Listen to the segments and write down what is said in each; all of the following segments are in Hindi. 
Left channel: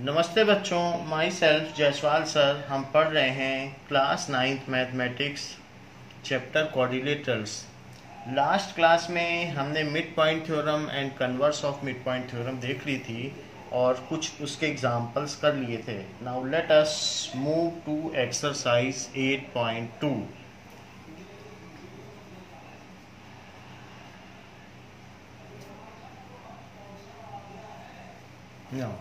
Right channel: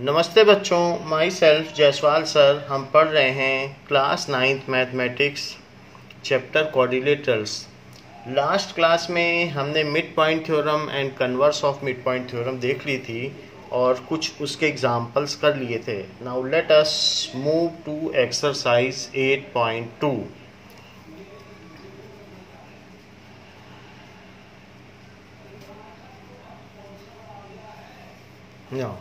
नमस्ते बच्चों, माई सेल्फ जायसवाल सर। हम पढ़ रहे हैं class 9th mathematics chapter coordinators. Last class में हमने mid point theorem and converse of mid point theorem देख ली थी और कुछ उसके एग्जाम्पल्स कर लिए थे। Now let us move to exercise 8.2। Now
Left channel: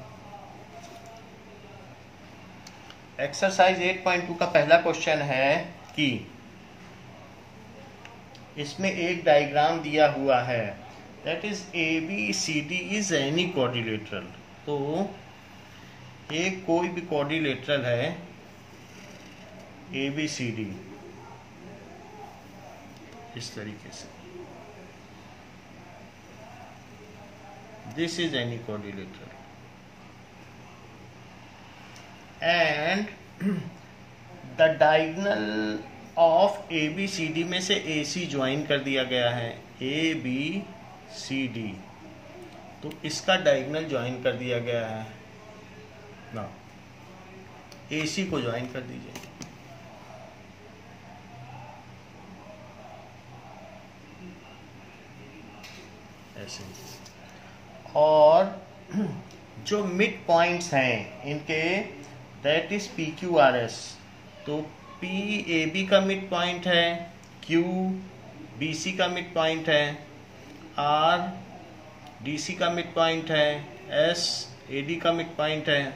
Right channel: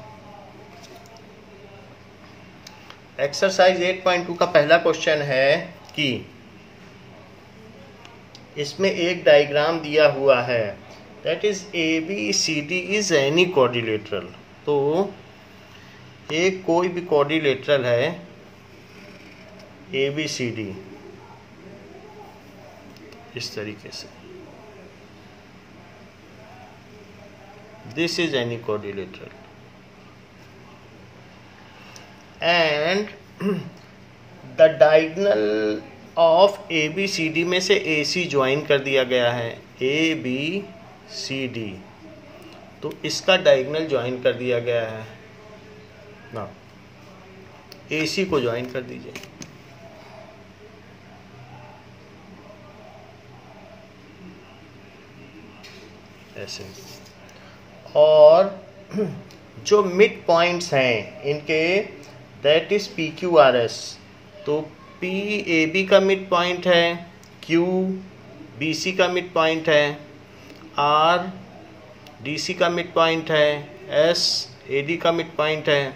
exercise 8.2 का पहला क्वेश्चन है कि इसमें एक डायग्राम दिया हुआ है, that is A B C D is any quadrilateral. तो एक कोई भी कोऑर्डिनेटरल है ए बी सी डी इस तरीके से, this is any quadrilateral and the diagonal of A B C D में से ए सी ज्वाइन कर दिया गया है, ए बी सी डी। तो इसका डायगोनल ज्वाइन कर दिया गया है ना, ए सी को ज्वाइन कर दीजिए। ऐसे और जो मिड पॉइंट्स हैं इनके, that is P Q R S. तो पी ए बी का मिड पॉइंट है, क्यू बी सी का मिड पॉइंट है, आर डी सी का मिड पॉइंट है, एस ए डी का मिड पॉइंट है।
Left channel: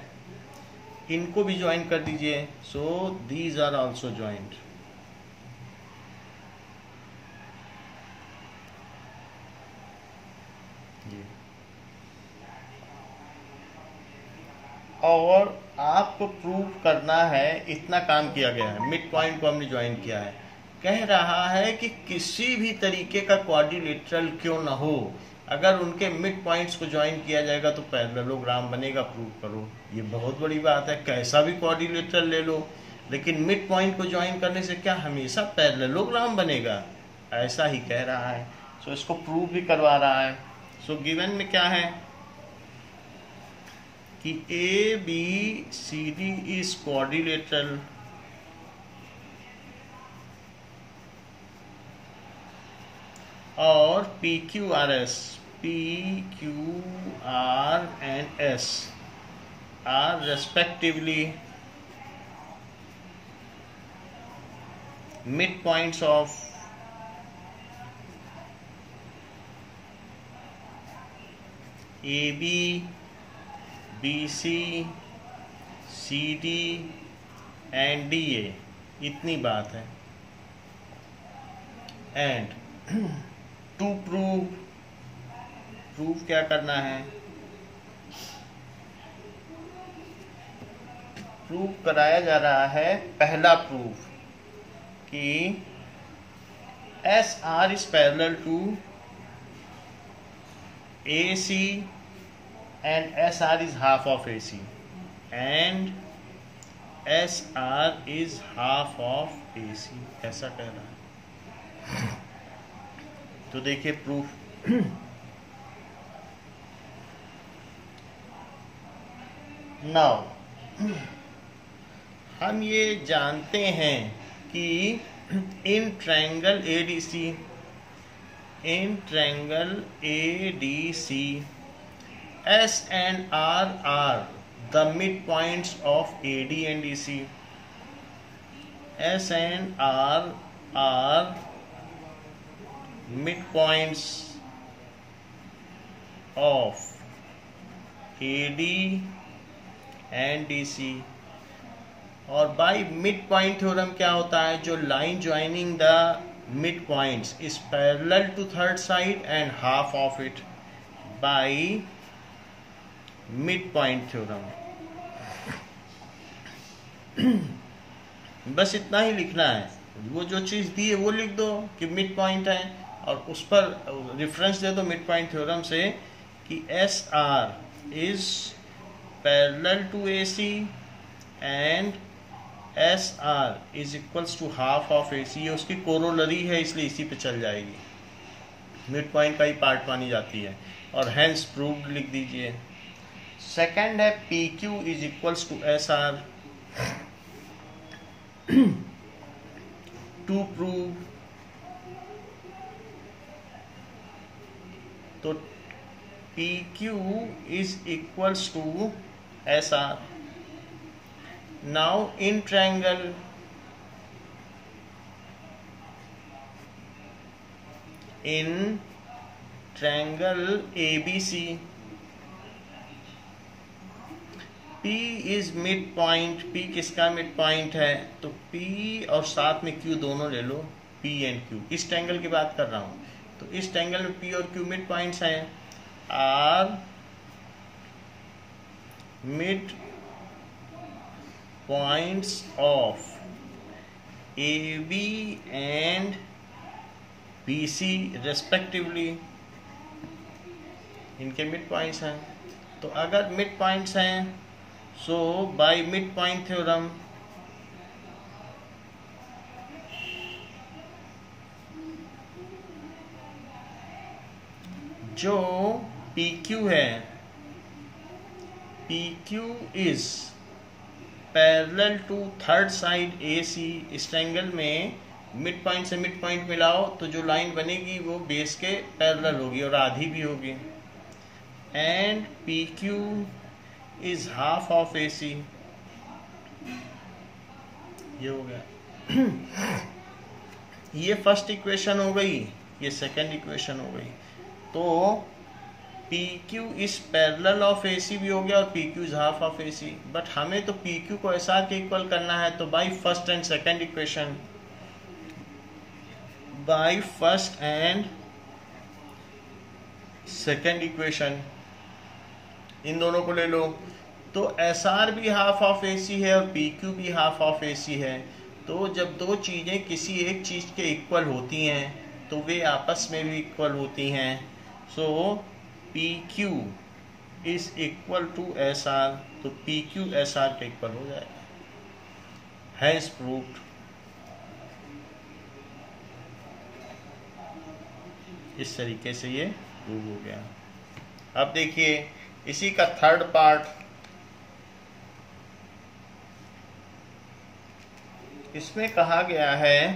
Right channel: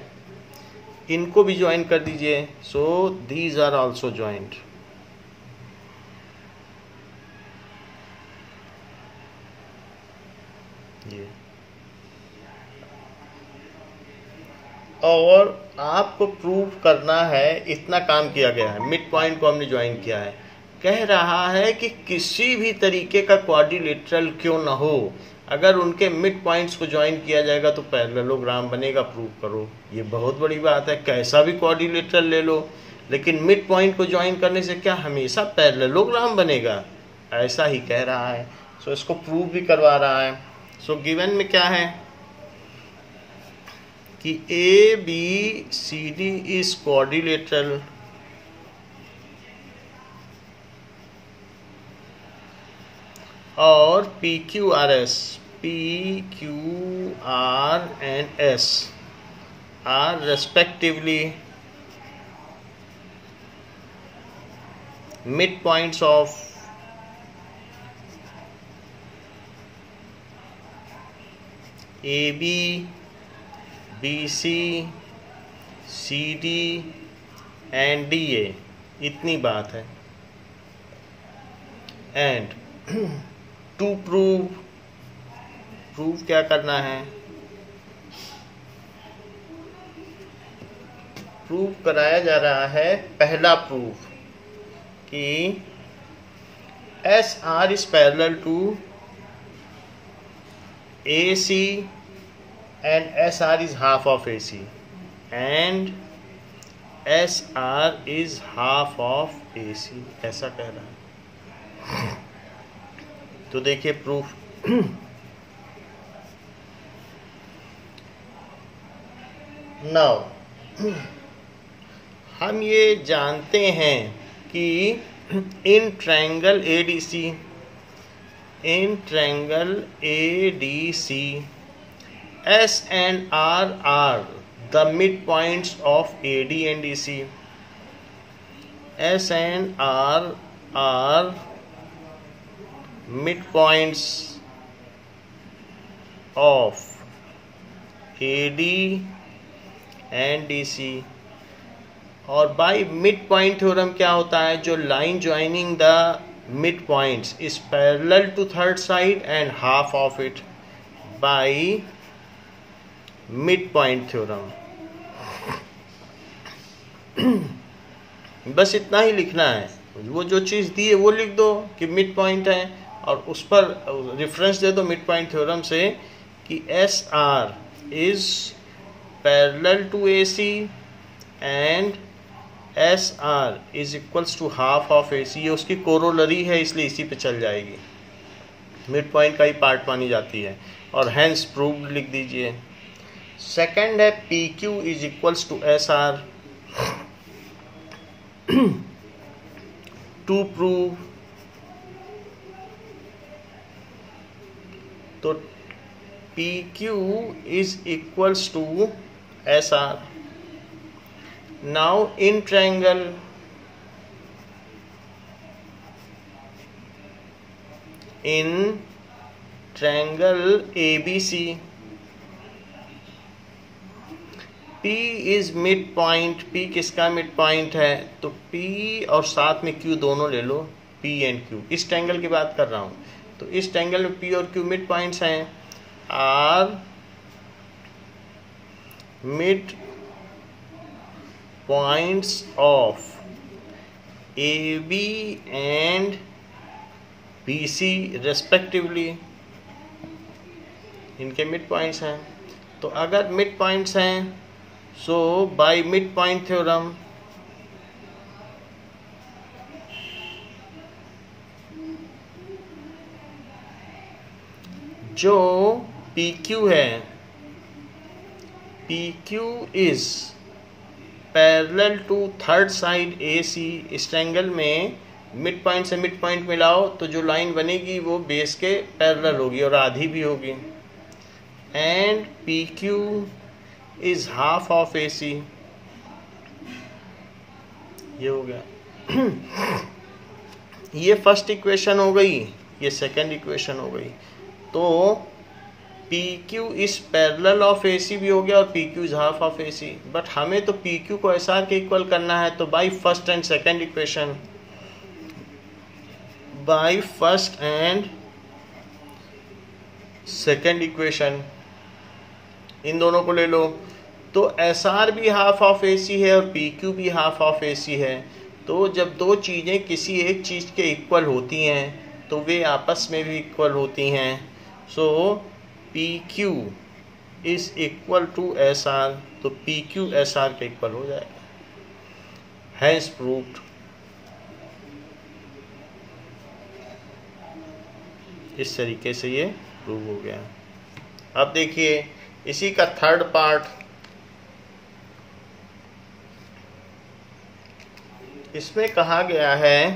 इनको भी ज्वाइन कर दीजिए। So these are also joint. ये और आपको प्रूव करना है, इतना काम किया गया है। मिड पॉइंट को हमने ज्वाइन किया है। कह रहा है कि किसी भी तरीके का क्वाड्रिलेटरल क्यों ना हो, अगर उनके मिड पॉइंट्स को ज्वाइन किया जाएगा तो पैरेललोग्राम बनेगा। प्रूव करो। ये बहुत बड़ी बात है, कैसा भी क्वाड्रिलेटरल ले लो, लेकिन मिड पॉइंट को ज्वाइन करने से क्या हमेशा पैरेललोग्राम बनेगा? ऐसा ही कह रहा है। सो इसको प्रूव भी करवा रहा है। सो गिवन में क्या है कि A B C D is quadrilateral और P Q R and S R respectively mid points of A B B C C D and D A. इतनी बात है। एंड टू प्रूव क्या करना है? प्रूव कराया जा रहा है, पहला प्रूफ कि S R is parallel to A C and SR is half of AC and SR is half of AC, ऐसा कह रहा है। तो देखिए प्रूफ। नाउ हम ये जानते हैं कि इन triangle ADC, in triangle ADC S and R are the midpoints of AD and DC. S and R are midpoints of AD and DC. और बाय मिड पॉइंट थ्योरम क्या होता है? जो line joining the mid points is parallel to third side and half of it by mid point theorem. बस इतना ही लिखना है। वो जो चीज़ दी है वो लिख दो कि मिड पॉइंट है और उस पर रेफरेंस दे दो मिड पॉइंट थ्योरम से कि S R is parallel to A C and S R is equals to half of A C. ये उसकी कोरोलरी है, इसलिए इसी पे चल जाएगी। मिड पॉइंट का ही पार्ट मानी जाती है। और हैंस प्रूव्ड लिख दीजिए। सेकंड है P Q is equals to S R. To prove, तो P Q is equals to S R. Now in triangle ABC, P इज मिड पॉइंट। P किसका मिड पॉइंट है? तो P और साथ में Q दोनों ले लो, P एंड Q। इस ट्रायंगल की बात कर रहा हूं। तो इस ट्रायंगल में P और Q मिड पॉइंट्स हैं। Are mid points of AB and BC respectively, इनके मिड पॉइंट्स हैं। तो अगर मिड पॉइंट्स हैं, so by mid point theorem जो PQ है, PQ is parallel to third side AC। इस ट्रायंगल में मिड पॉइंट से मिड पॉइंट मिलाओ तो जो लाइन बनेगी वो बेस के पैरेलल होगी और आधी भी होगी। And PQ is half of AC। ये हो गया। ये फर्स्ट इक्वेशन हो गई, ये सेकंड इक्वेशन हो गई। तो PQ is parallel of AC भी हो गया और PQ is half of AC। But हमें तो PQ को SR के इक्वल करना है। तो by first and second equation, by first and second equation in दोनों को ले लो। तो SR भी हाफ ऑफ AC है और PQ भी हाफ ऑफ AC है। तो जब दो चीज़ें किसी एक चीज़ के इक्वल होती हैं तो वे आपस में भी इक्वल होती हैं। So PQ is equal to SR। तो PQ SR के इक्वल हो जाएगा। Has proved. इस तरीके से ये प्रूव हो गया। अब देखिए इसी का थर्ड पार्ट, इसमें कहा गया है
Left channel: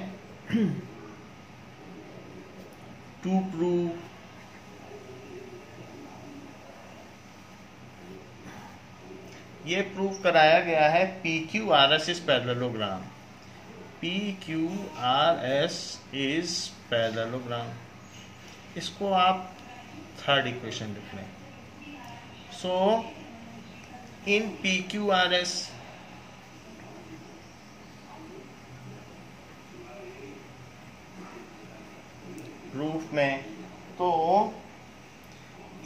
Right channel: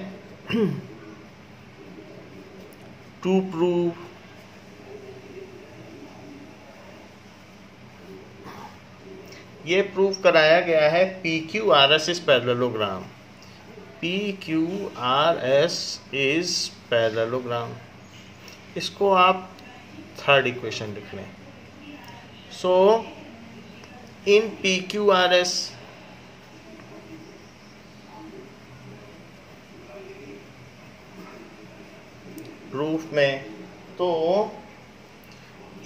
टू प्रूव ये प्रूव कराया गया है PQRS is parallelogram. PQRS is parallelogram. इसको आप थर्ड इक्वेशन लिख लें। सो इन PQRS प्रूफ में, तो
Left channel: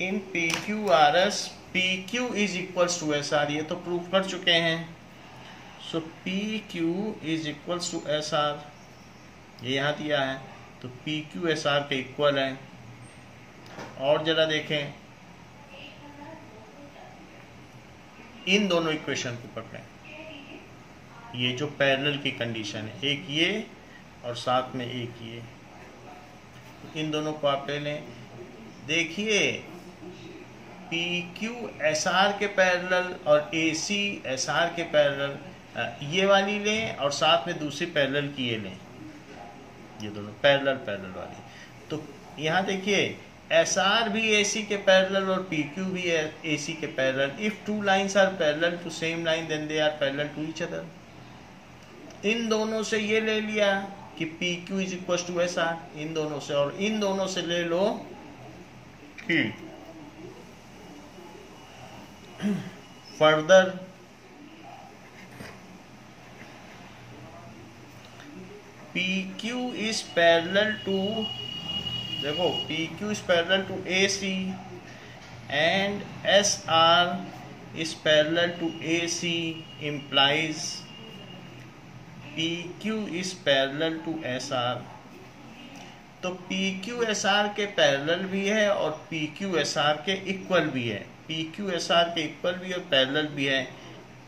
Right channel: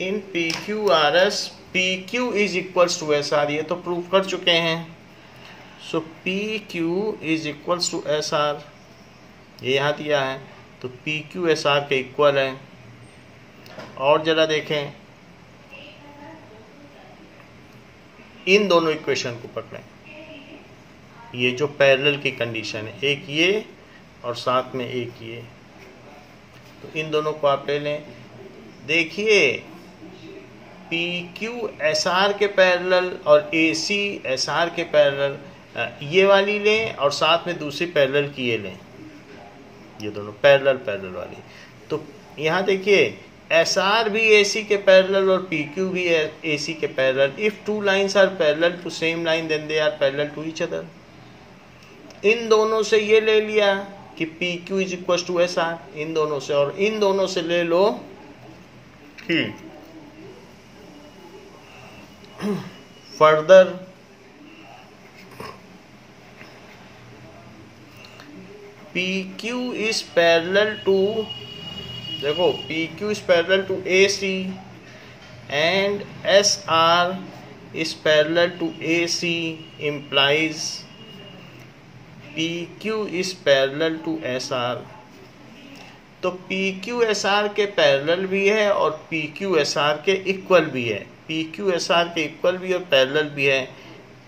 इन PQRS PQ is equals to SR, ये तो प्रूफ कर चुके हैं। So PQ is equals to SR, ये यहाँ दिया है। तो PQ SR के इक्वल है। और जरा देखें, इन दोनों इक्वेशन को पकड़ें। ये जो पैरेलल की कंडीशन है, एक ये और साथ में एक ये, तो इन दोनों को आप ले लें। देखिए PQ SR के पैरेलल और AC SR के पैरेलल, ये वाली लें और साथ में दूसरी पैरेलल की ये लें, ये दोनों पैरेलल वाली। तो यहाँ देखिए SR भी AC के पैरेलल और PQ भी AC के पैरेलल। If two lines are parallel to same line then they are parallel to each other. इन दोनों से ये ले लिया कि PQ is equal to SR, इन दोनों से, और इन दोनों से ले लो कि further PQ is parallel to, देखो PQ is parallel to AC and SR is parallel to AC implies PQ is parallel to SR। तो PQ SR के पैरेलल भी है और PQ SR के इक्वल भी है। PQ SR के इक्वल भी और पैरेलल भी है।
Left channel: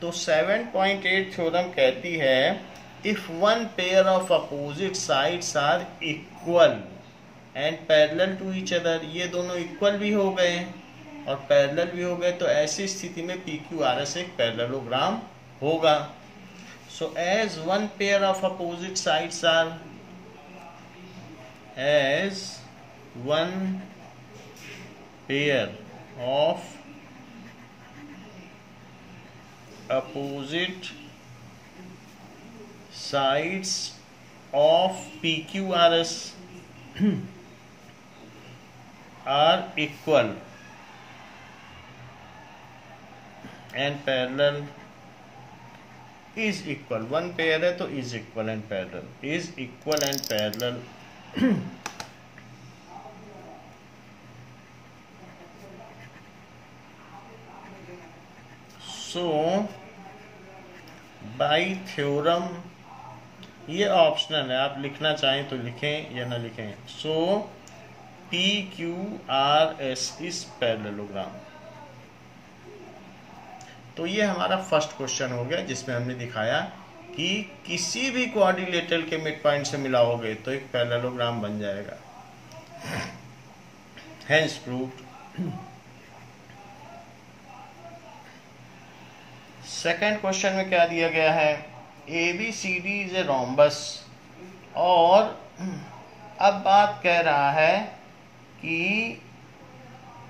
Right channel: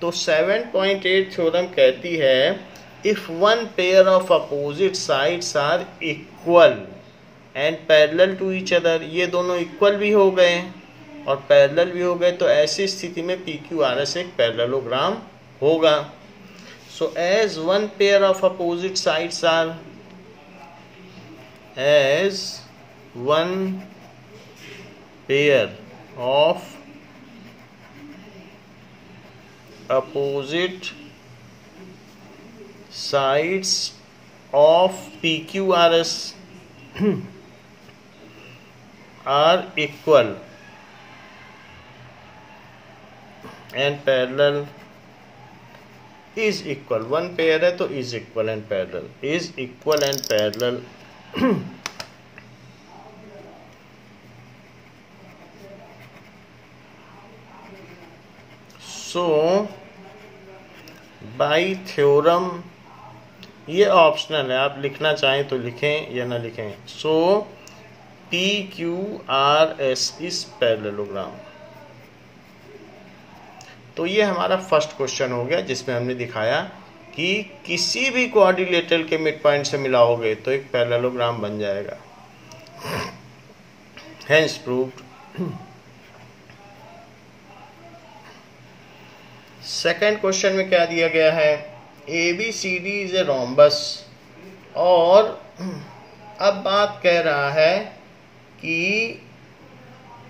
तो 7.8 थ्योरम कहती है if one pair of opposite sides are equal and parallel to each other, ये दोनों इक्वल भी हो गए और पैरेलल भी हो गए, तो ऐसी स्थिति में पी क्यू आर एस एक पैरेललोग्राम होगा. So as one pair of opposite sides are opposite sides of PQRS are equal and parallel is equal. One pair है तो is equal and parallel, is equal and parallel. So by theorem, ये ऑप्शनल है, आप लिखना चाहें तो लिखें या ना लिखें. So P Q R S is parallelogram. तो ये हमारा फर्स्ट क्वेश्चन हो गया, जिसमें हमने दिखाया कि किसी भी क्वाड्रिलेटरल के मिड पॉइंट से मिलाओगे तो एक पैरेललोग्राम बन जाएगा. Hence proved. सेकेंड क्वेश्चन में क्या दिया गया है, A B C D is a rhombus. और अब बात कह रहा है कि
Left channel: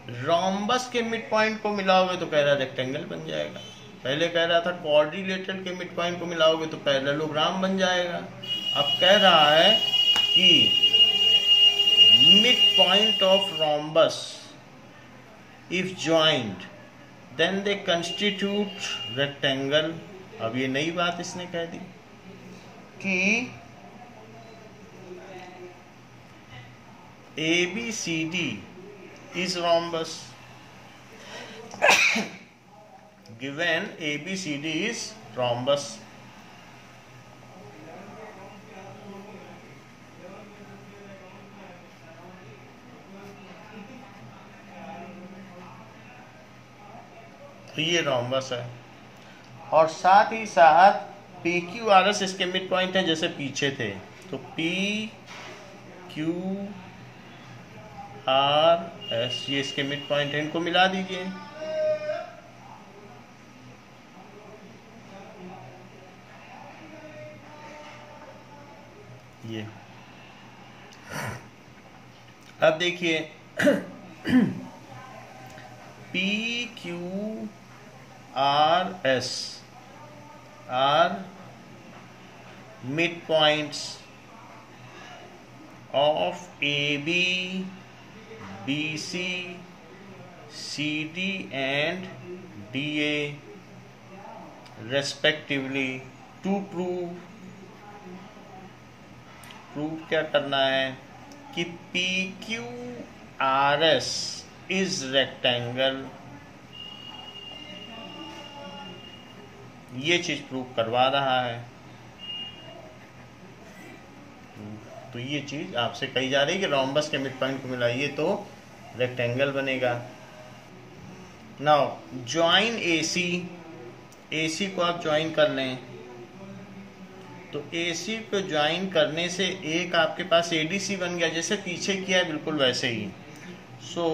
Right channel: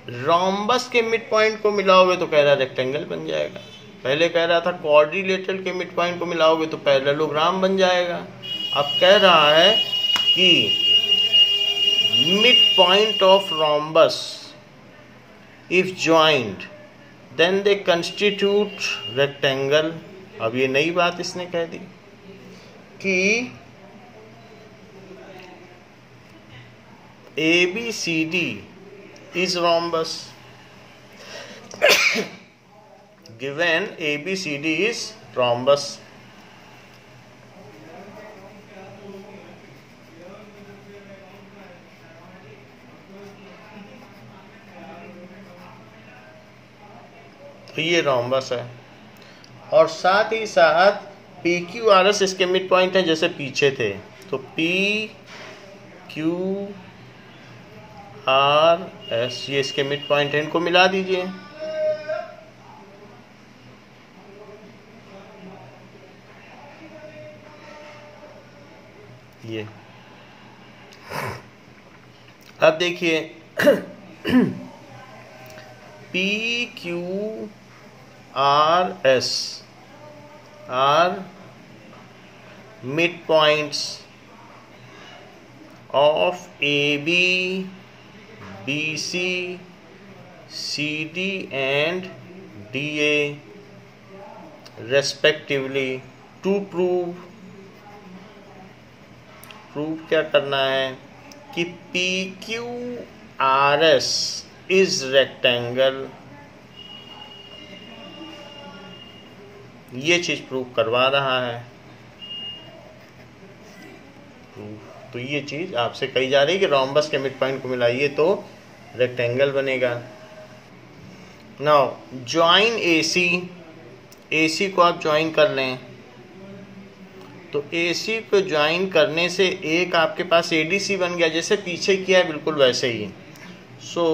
रोम्बस के मिड पॉइंट को मिलाओगे तो कह रहा रेक्टेंगल बन जाएगा. पहले कह रहा था क्वाड्रिलेटरल के मिड पॉइंट को मिलाओगे तो पैरेललोग्राम बन जाएगा. अब कह रहा है कि mid point of rhombus if joint then they constitute rectangle. अब ये नई बात इसने कह दी कि ABCD is rhombus. Given ABCD is rhombus. तो ये रोम्बस है, और साथ ही साथ पी क्यू आर एस इसके मिड पॉइंट है जैसे पीछे थे. तो पी क्यू आर एस ये इसके मिड पॉइंट है, इनको मिला दीजिए. ये अब देखिए P Q R S are midpoints of AB, BC, CD and DA respectively. To prove क्या करना है कि PQRS is rectangle. ये चीज प्रूव करवा रहा है. तो ये चीज आपसे कही जा रही है कि रोम्बस के मिड पॉइंट को मिलाइए तो रेक्टेंगल बनेगा. Now join AC. AC को आप ज्वाइन कर लें तो AC को ज्वाइन करने से एक आपके पास ADC बन गया, जैसे पीछे किया है बिल्कुल वैसे ही. So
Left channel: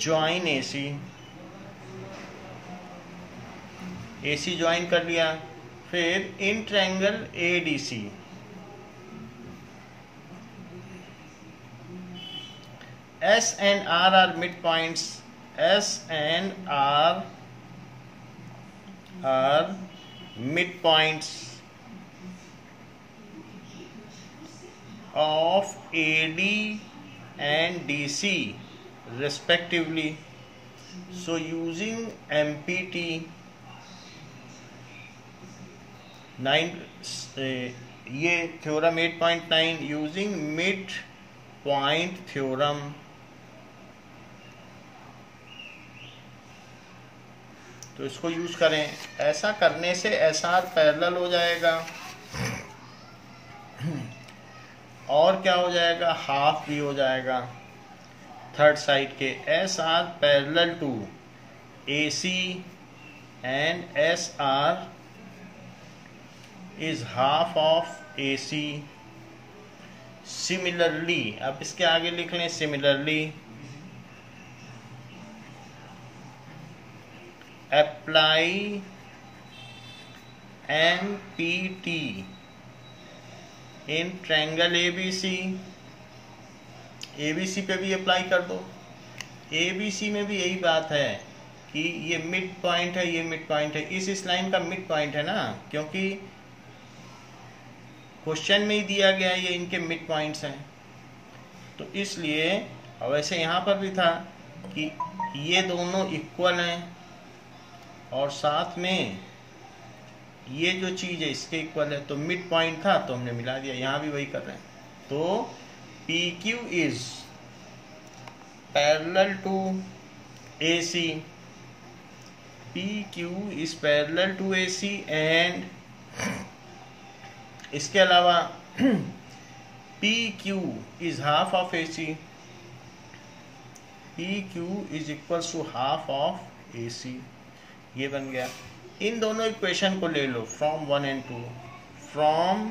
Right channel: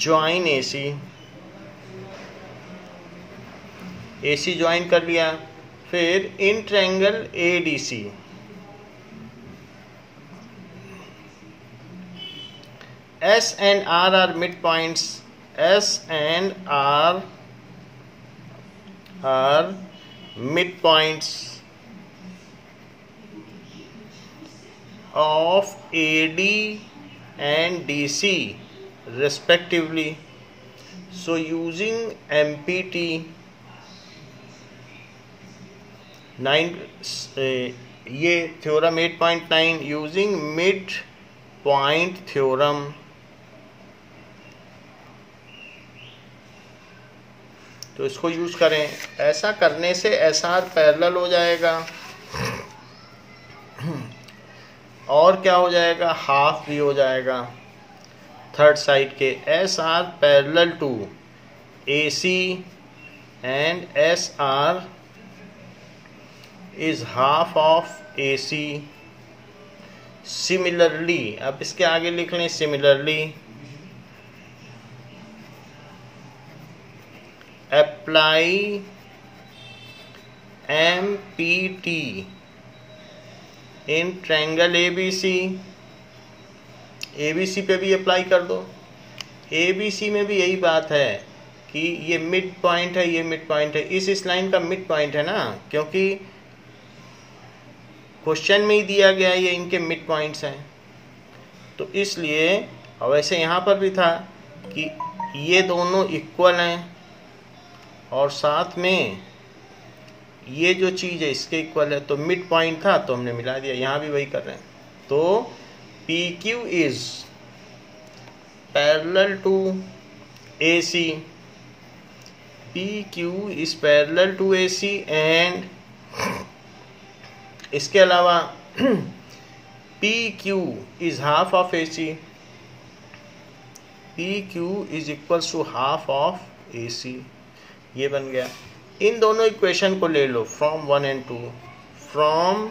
join AC. AC join कर लिया. फिर in triangle ADC. S and R are midpoints. S and R are midpoints of AD and DC respectively. So using MPT 9 ये theorem 8.9 using mid point theorem. तो इसको यूज करें. ऐसा करने से SR पैरेलल हो जाएगा और क्या हो जाएगा, हाफ भी हो जाएगा थर्ड साइड के. SR parallel to AC and SR is half of AC. Similarly, अब इसके आगे लिख लें similarly अप्लाई MPT इन ट्रायंगल ABC। ABC पे भी अप्लाई कर दो। ABC में भी यही बात है कि ये मिड पॉइंट है, ये मिड पॉइंट है, इस लाइन का मिड पॉइंट है ना, क्योंकि क्वेश्चन में ही दिया गया है ये इनके मिड पॉइंट्स हैं। तो इसलिए, और वैसे यहाँ पर भी था कि ये दोनों इक्वल हैं और साथ में ये जो चीज़ है इसके इक्वल है, तो मिड पॉइंट था तो हमने मिला दिया। यहाँ भी वही कर रहे हैं। तो PQ is parallel to AC, PQ is parallel to AC and इसके अलावा PQ is half of AC, PQ is equal to half of AC। ये बन गया। इन दोनों इक्वेशन को ले लो फ्रॉम 1 and 2, फ्रॉम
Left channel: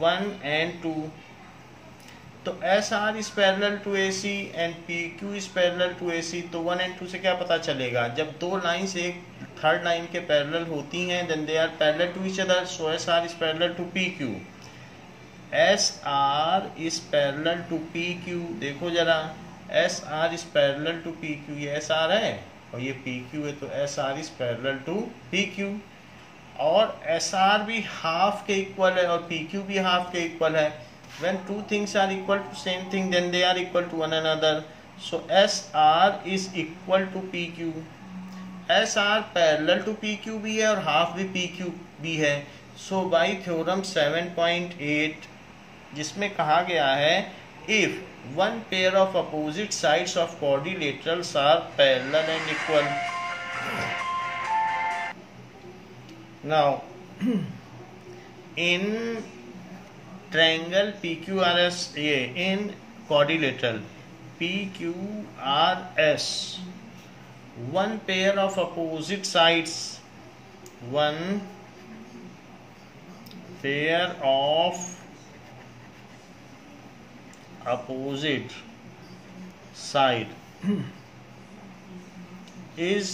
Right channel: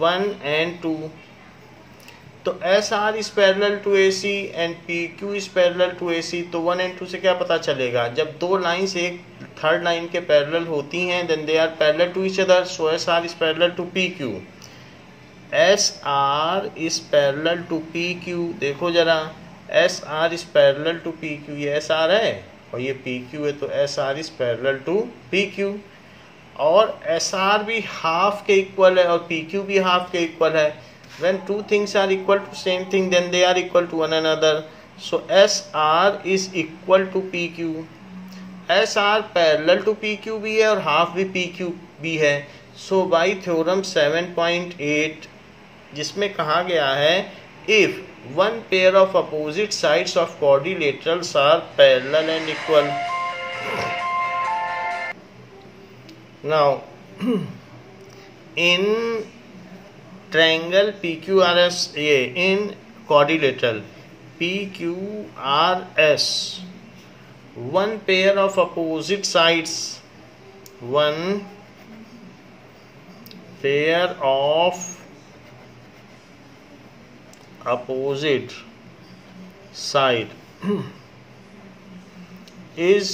1 and 2। तो SR is parallel to AC and PQ is parallel to AC। तो 1 and 2 से क्या पता चलेगा? जब दो लाइंस एक थर्ड लाइन के पैरेलल होती हैं, then they are parallel to each other, so SR is parallel to PQ। SR is parallel to PQ। देखो जरा, SR is parallel to PQ। ये SR है और ये PQ है, तो SR is parallel to PQ। और SR भी हाफ के इक्वल है और PQ भी हाफ के इक्वल है। When two things are equal to same thing, then they are equal to one another. So SR is equal to PQ. SR parallel to PQ भी है और हाफ भी PQ भी है। So by theorem 7.8, जिसमें कहा गया है if one pair of opposite sides of quadrilaterals are parallel and equal. Now in triangle PQRS, in quadrilateral PQRS, one pair of opposite sides, one pair of opposite side is,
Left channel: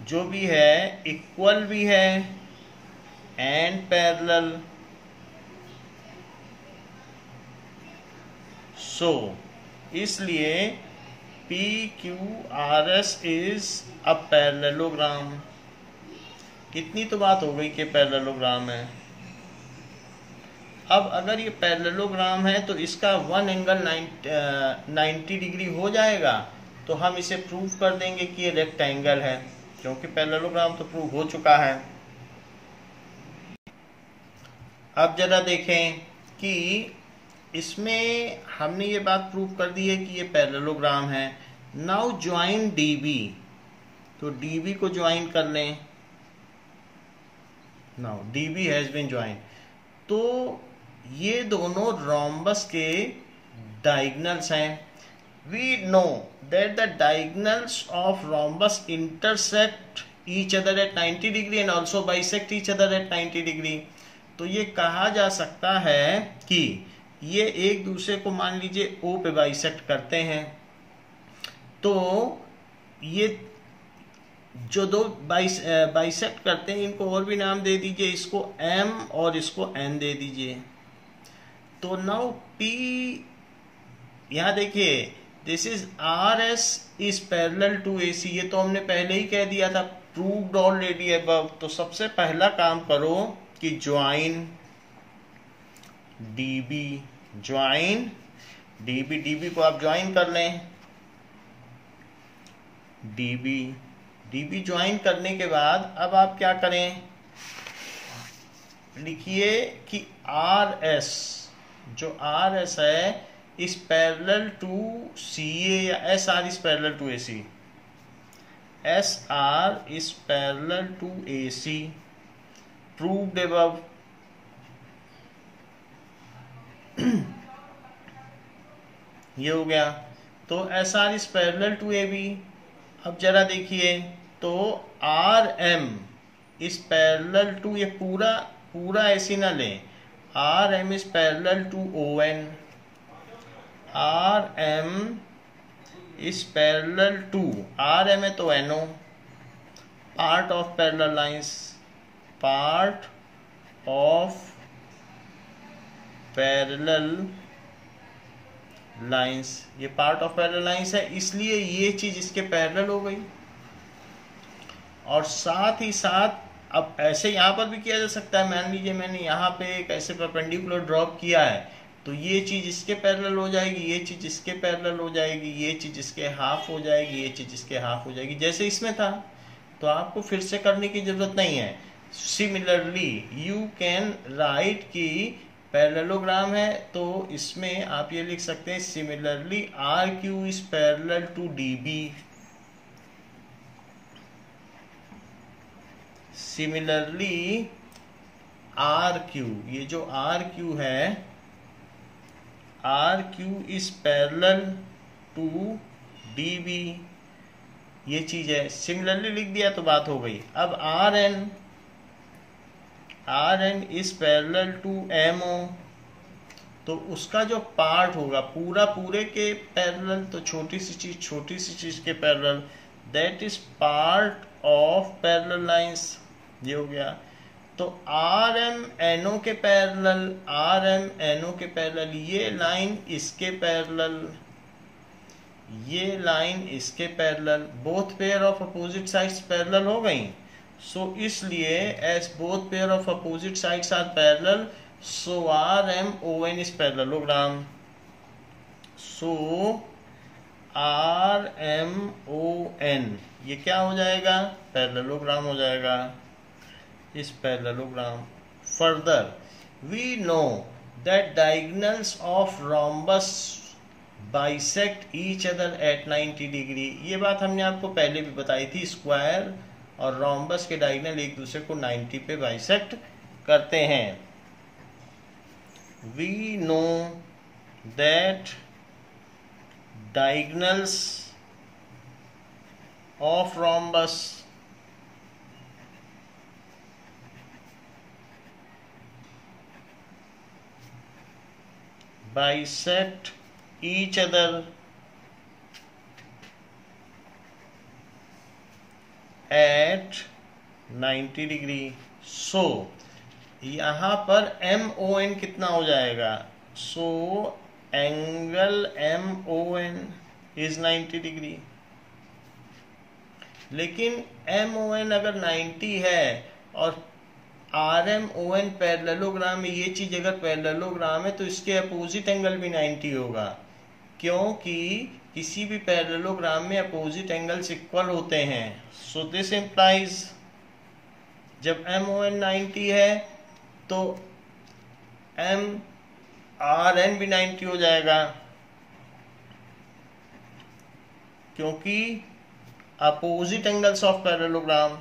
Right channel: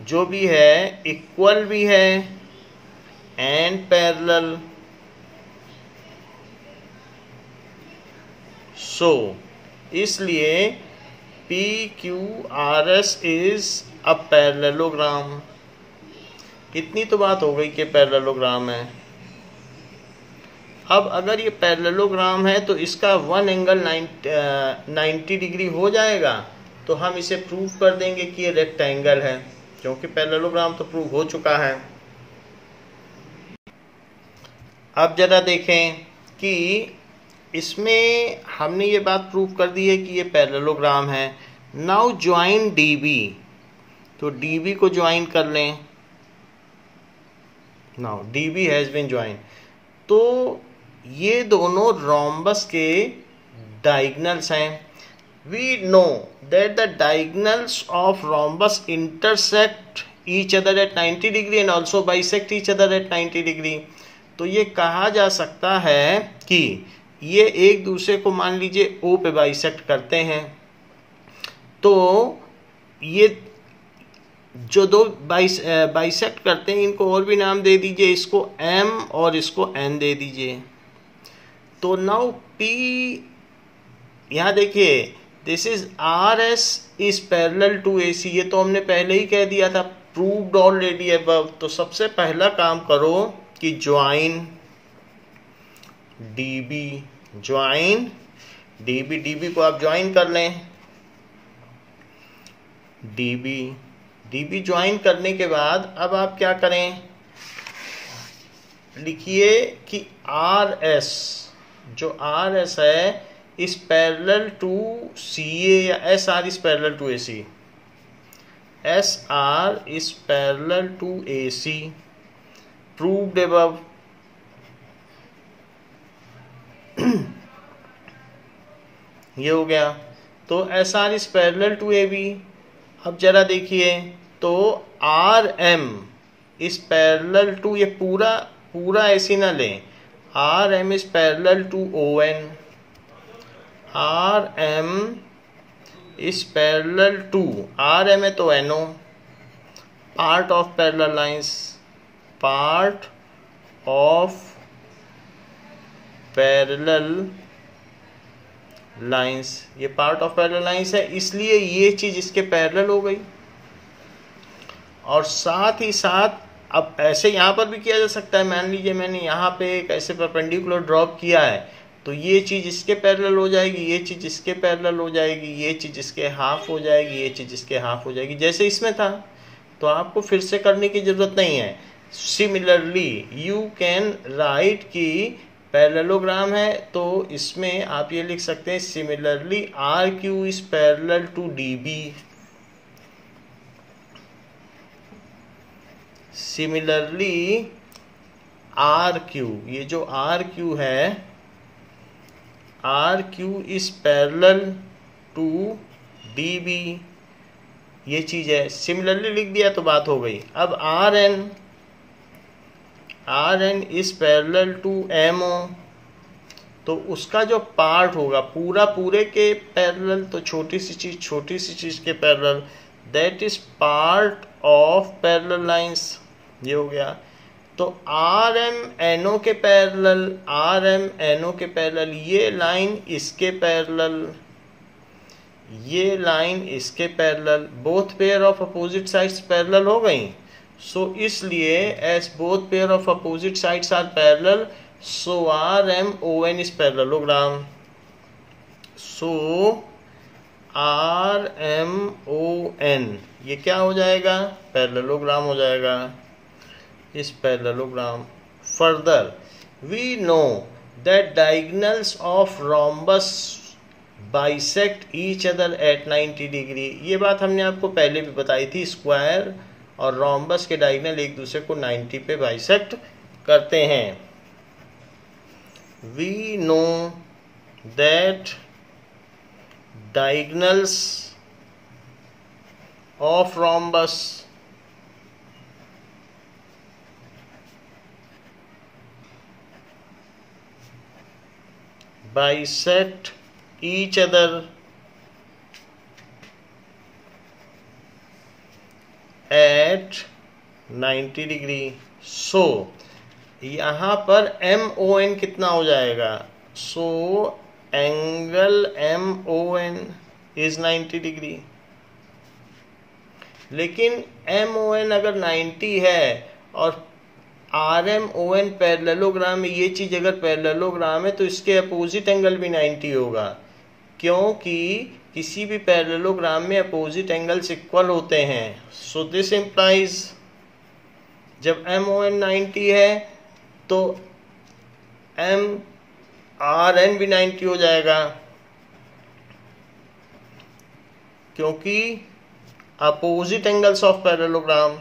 जो भी है इक्वल भी है एंड पैरेलल। सो इसलिए PQRS इज अ पैरेललोग्राम। इतनी तो बात हो गई कि पैरेललोग्राम है। अब अगर ये पैरेललोग्राम है तो इसका वन एंगल 90 डिग्री हो जाएगा, तो हम इसे प्रूव कर देंगे कि ये रेक्टेंगल है, क्योंकि पैरेललोग्राम तो प्रूव हो चुका है। अब जरा देखें कि इसमें हमने ये बात प्रूव कर दी है कि ये पैरेललोग्राम है। नाउ ज्वाइन DB, तो DB को ज्वाइन कर लें। Now DB has been join. तो ये दोनों रोम्बस के डायगनल्स हैं। We know that the diagonals of rhombus intersect each other at 90 degree and also bisect each other at 90 degree. तो ये कहा जा सकता है कि ये एक दूसरे को मान लीजिए O पे बाइसेक्ट करते हैं। तो ये जो दो बाइसेक्ट करते हैं इनको और भी नाम दे दीजिए, इसको M और इसको N दे दीजिए। तो नाउ P, यहाँ देखिए, this is RS is parallel to AC। ये तो हमने पहले ही कह दिया था, प्रूव्ड ऑलरेडी अबव। तो सबसे पहला काम करो कि ज्वाइन DB, ज्वाइन DB को आप ज्वाइन कर लें। DB ज्वाइन करने के बाद अब आप क्या करें, लिखिए कि RS, जो RS है इज पैरेलल टू CA, या SR is parallel to AC। SR is parallel to AC, proved above. ये हो गया। तो SR is parallel to AB। अब जरा देखिए, तो RM इज पैरेलल टू, ये पूरा ऐसी ना लें, RM is parallel to ON, RM is parallel to, RM है तो NO, part of parallel lines, part of parallel lines, ये पार्ट ऑफ पैरेलल लाइंस है, इसलिए ये चीज इसके पैरेलल हो गई। और साथ ही साथ अब ऐसे यहाँ पर भी किया जा सकता है, मान लीजिए मैंने यहाँ पे एक ऐसे परपेंडिकुलर ड्रॉप किया है, तो ये चीज इसके पैरेलल हो जाएगी, ये चीज इसके पैरेलल हो जाएगी, ये चीज इसके हाफ हो जाएगी, ये चीज इसके हाफ हो जाएगी, जैसे इसमें था। तो आपको फिर से करने की जरूरत नहीं है। सिमिलरली यू कैन राइट कि पैरेललोग्राम है, तो इसमें आप ये लिख सकते हैं similarly R Q is parallel to D B. Similarly R Q, ये जो आर क्यू है, R Q is parallel to D B, ये चीज है। सिमिलरली लिख दिया तो बात हो गई। अब R N, R N is parallel to M O, तो उसका जो पार्ट होगा पूरा पूरे के पैरेलल, तो छोटी सी चीज के parallel, that is part of parallel lines, ये हो गया। तो आर एम एन ओ के parallel, R M N O के पैरेलल, ये लाइन इसके पैरेलल, ये लाइन इसके parallel, both pair of opposite sides parallel हो गई। सो इसलिए as both pair of opposite sides are parallel, so R M O N is parallelogram. So R M O N ये क्या हो जाएगा? पैरेललोग्राम हो जाएगा, इस parallelogram. Further we know that diagonals of rhombus bisect each other at 90 degree. ये बात हमने आपको पहले भी बताई थी, स्क्वायर और रोम्बस के डायगोनल एक दूसरे को 90 पे बाइसेक्ट करते हैं। We know that diagonals of rhombus bisect each other at 90 degree. सो यहाँ पर MON कितना हो जाएगा? So angle MON is 90 degree. लेकिन MON अगर 90 है और RMON पैरेललोग्राम में, ये चीज अगर पैरेललोग्राम है तो इसके अपोजिट एंगल भी 90 होगा, क्योंकि किसी भी पैरेललोग्राम में अपोजिट एंगल्स इक्वल होते हैं। सो दिस इंप्लाइज जब MON 90 है तो RN भी 90 हो जाएगा, क्योंकि opposite angles of parallelogram,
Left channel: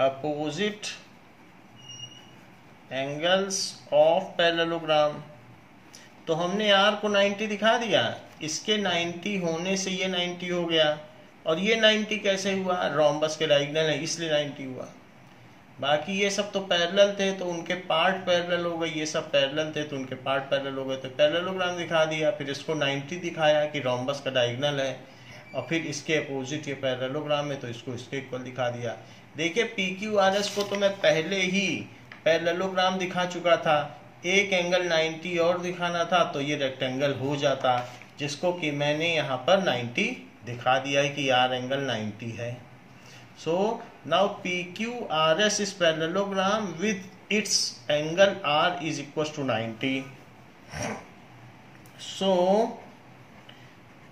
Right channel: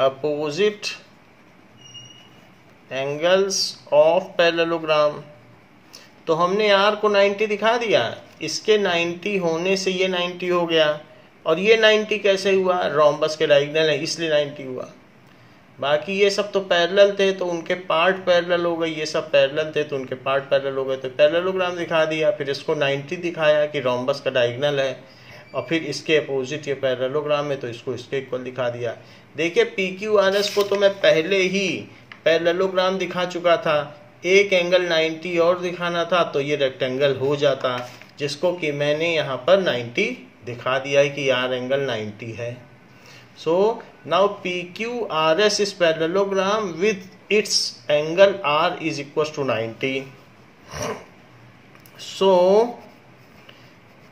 opposite angles of parallelogram. तो हमने R को 90 दिखा दिया, इसके 90 होने से ये 90 हो गया। और ये 90 कैसे हुआ? रोम्बस के डायगोनल है इसलिए 90 हुआ। बाकी ये सब तो पैरेलल थे तो उनके पार्ट पैरेलल हो गए, ये सब पैरेलल थे तो उनके पार्ट पैरेलल हो गए, तो पैरेललोग्राम दिखा दिया। फिर इसको 90 दिखाया कि रोम्बस का डायगोनल है, और फिर इसके अपोजिट ये पैरेललोग्राम है तो इसको इसके इक्वल दिखा दिया। देखिए PQRS को तो मैं पहले ही पैरेललोग्राम दिखा चुका था, एक एंगल 90 और दिखाना था तो ये रेक्टेंगल हो जाता, जिसको कि मैंने यहाँ पर 90 दिखा दिया है कि यार एंगल 90 है। So now PQRS is parallelogram with its angle R is equal to 90। So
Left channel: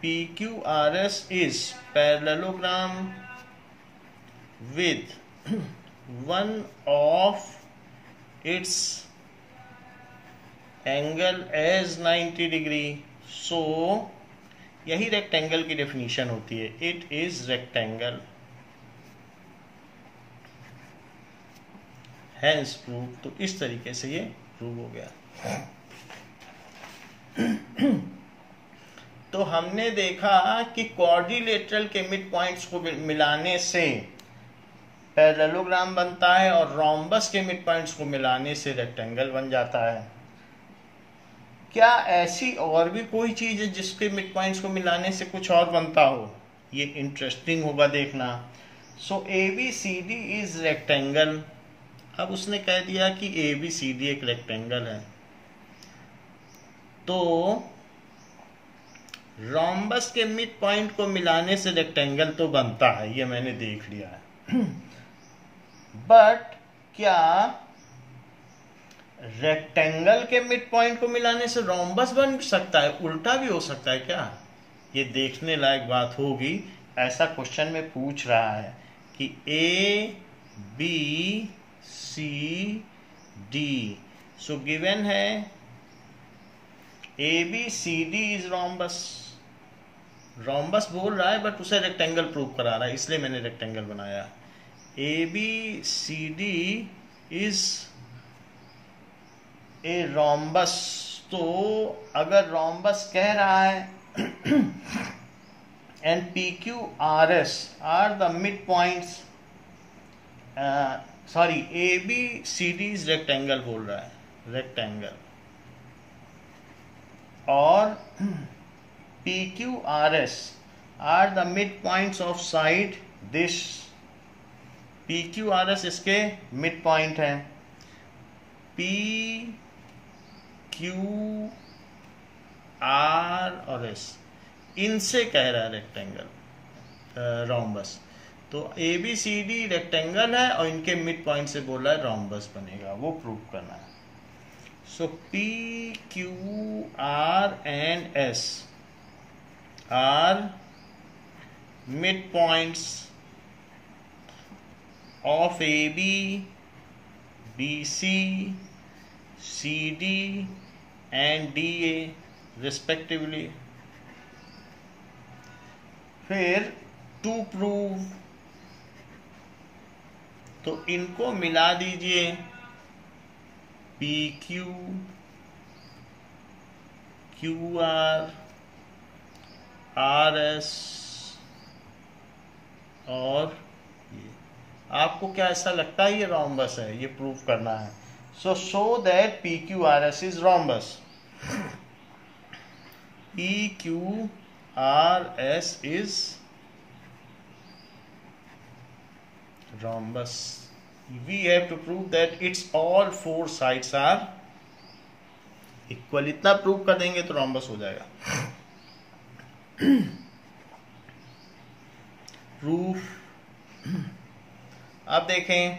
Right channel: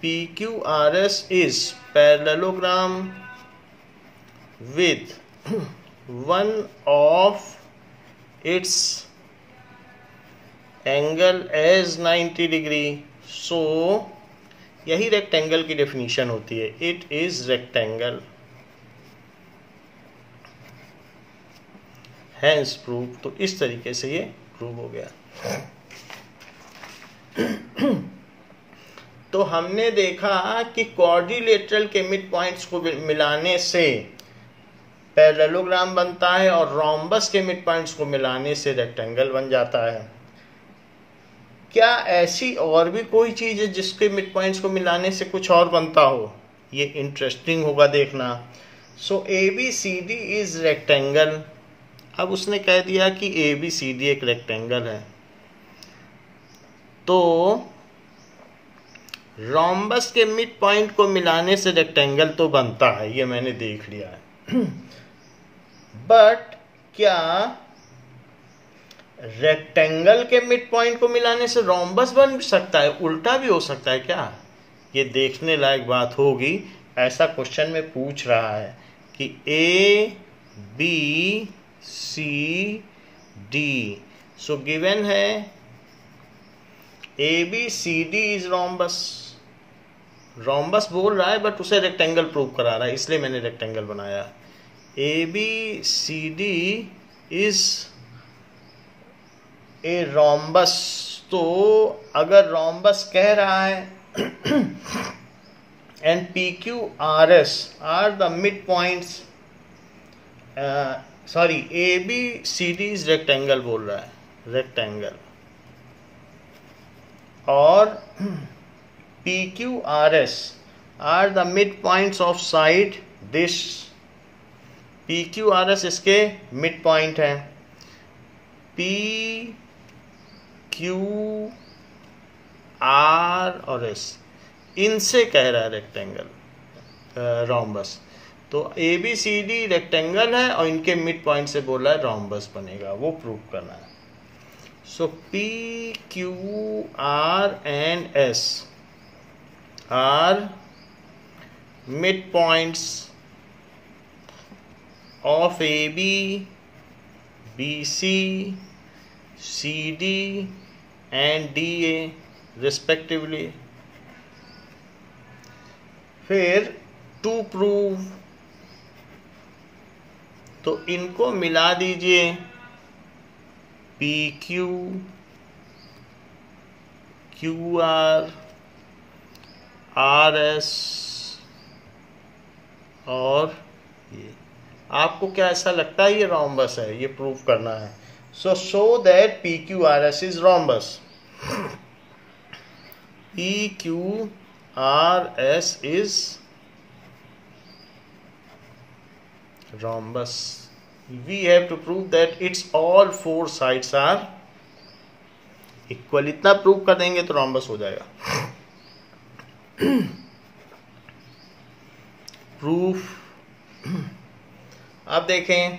PQRS is parallelogram with one of its angle as 90 degree. So यही रेक्टेंगल की डेफिनेशन होती है, it is rectangle, hence prove. तो इस तरीके से ये प्रूव हो गया। तो हमने देखा कि क्वाड्रिलेटरल के मिड पॉइंट्स को मिलाने से पैरेललोग्राम बनता है और रोम्बस के मिड पॉइंट्स को मिलाने से रेक्टेंगल बन जाता है। क्या ऐसी और भी कोई चीज है जिसके मिड पॉइंट्स को मिलाने से कुछ और बनता हो? ये इंटरेस्टिंग होगा देखना। सो ABCD इज रेक्टेंगल। अब उसने कह दिया कि ABCD एक रेक्टेंगल है, तो रोम्बस के मिड पॉइंट को मिलाने से रेक्टेंगल तो बनता है, ये मैंने देख लिया है। बट क्या रेक्टेंगल के मिड पॉइंट को मिलाने से रोम्बस बन सकता है? उल्टा भी हो सकता है क्या? ये देखने लायक बात होगी। ऐसा क्वेश्चन में पूछ रहा है कि ABCD, सो गिवन है ABCD इज रोम्बस। रोम्बस बोल रहा है बट उसे रेक्टेंगल प्रूव करा रहा है, इसलिए मैंने रेक्टेंगल बनाया। ABCD is a rhombus. तो अगर रोम्बस कह रहा है and PQRS are the mid points, sorry ABCD is rectangle बोल रहा है, रेक्टेंगल, और PQRS are the mid points of side this. PQRS इसके मिड पॉइंट हैं। PQR और S इनसे कह रहा है रेक्टेंगल रोम्बस। तो ABCD रेक्टेंगल है और इनके मिड पॉइंट से बोला है रोम्बस बनेगा, वो प्रूव करना है। So PQR and S are mid points of AB, BC, CD and DA respectively. फिर टू प्रूव, तो इनको मिला दीजिए, PQ, QR, RS और ये। आपको क्या ऐसा लगता है ये रोम्बस है? ये प्रूव करना है। So show that PQRS is rhombus. PQRS is rhombus. We have to prove that its all four sides are equal. इतना प्रूव कर देंगे तो रोम्बस हो जाएगा। प्रूफ। अब देखें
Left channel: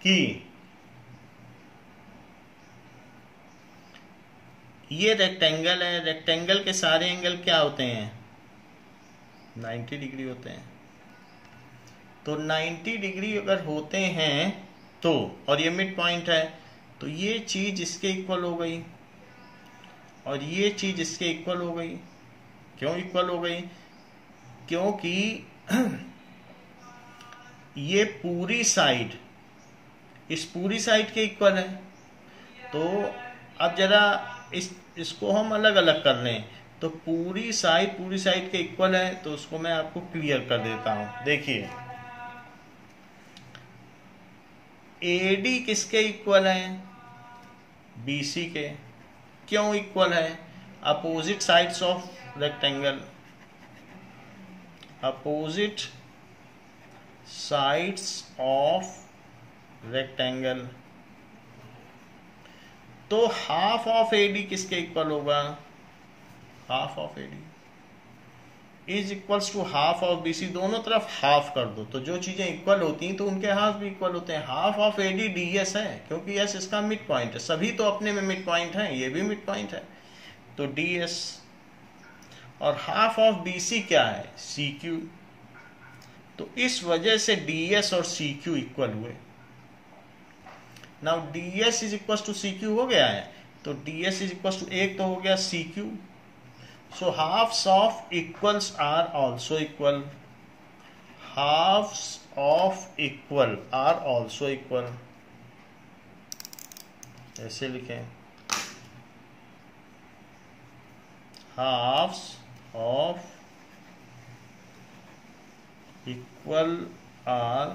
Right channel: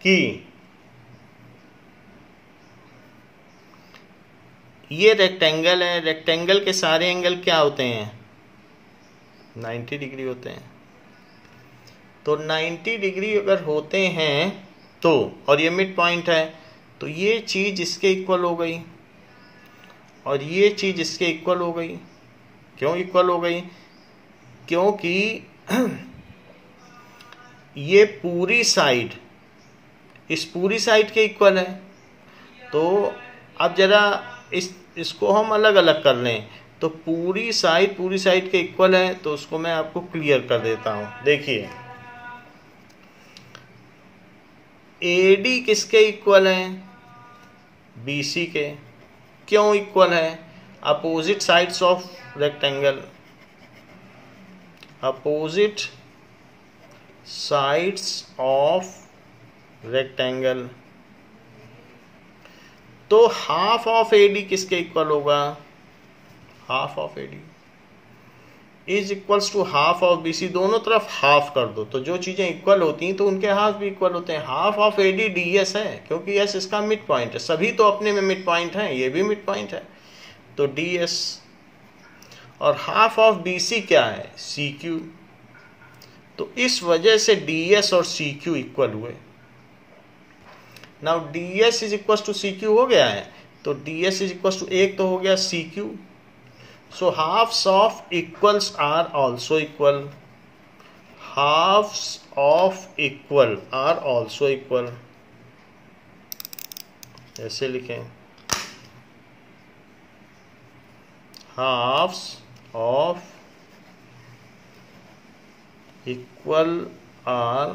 कि ये रेक्टेंगल है, रेक्टेंगल के सारे एंगल क्या होते हैं? 90 डिग्री होते हैं। तो 90 डिग्री अगर होते हैं तो, और ये मिड पॉइंट है, तो ये चीज इसके इक्वल हो गई और ये चीज इसके इक्वल हो गई। क्यों इक्वल हो गई? क्योंकि ये पूरी साइड इस पूरी साइड के इक्वल है। तो अब जरा इसको हम अलग अलग कर लें, तो पूरी साइड के इक्वल है, तो उसको मैं आपको क्लियर कर देता हूं। देखिए AD किसके इक्वल है? BC के। क्यों इक्वल है? Opposite sides of rectangle, opposite sides of rectangle. तो हाफ ऑफ AD किसके इक्वल होगा? Half of AD is equals to half of BC। दोनों तरफ हाफ कर दो, तो जो चीजें इक्वल होती हैं तो उनके हाफ भी इक्वल होते हैं। हाफ ऑफ AD DS है, क्योंकि S इसका मिड पॉइंट है। सभी तो अपने में मिड पॉइंट है, ये भी मिड पॉइंट है, तो DS। और हाफ ऑफ BC क्या है? CQ। तो इस वजह से DS और CQ इक्वल हुए। Now DS is equal to CQ हो गया है, तो DS इज इक्वल टू एक तो हो गया CQ। So halves of equals are also equal. Halves of equal are also equal, ऐसे लिखें, हाफ्स ऑफ इक्वल आर।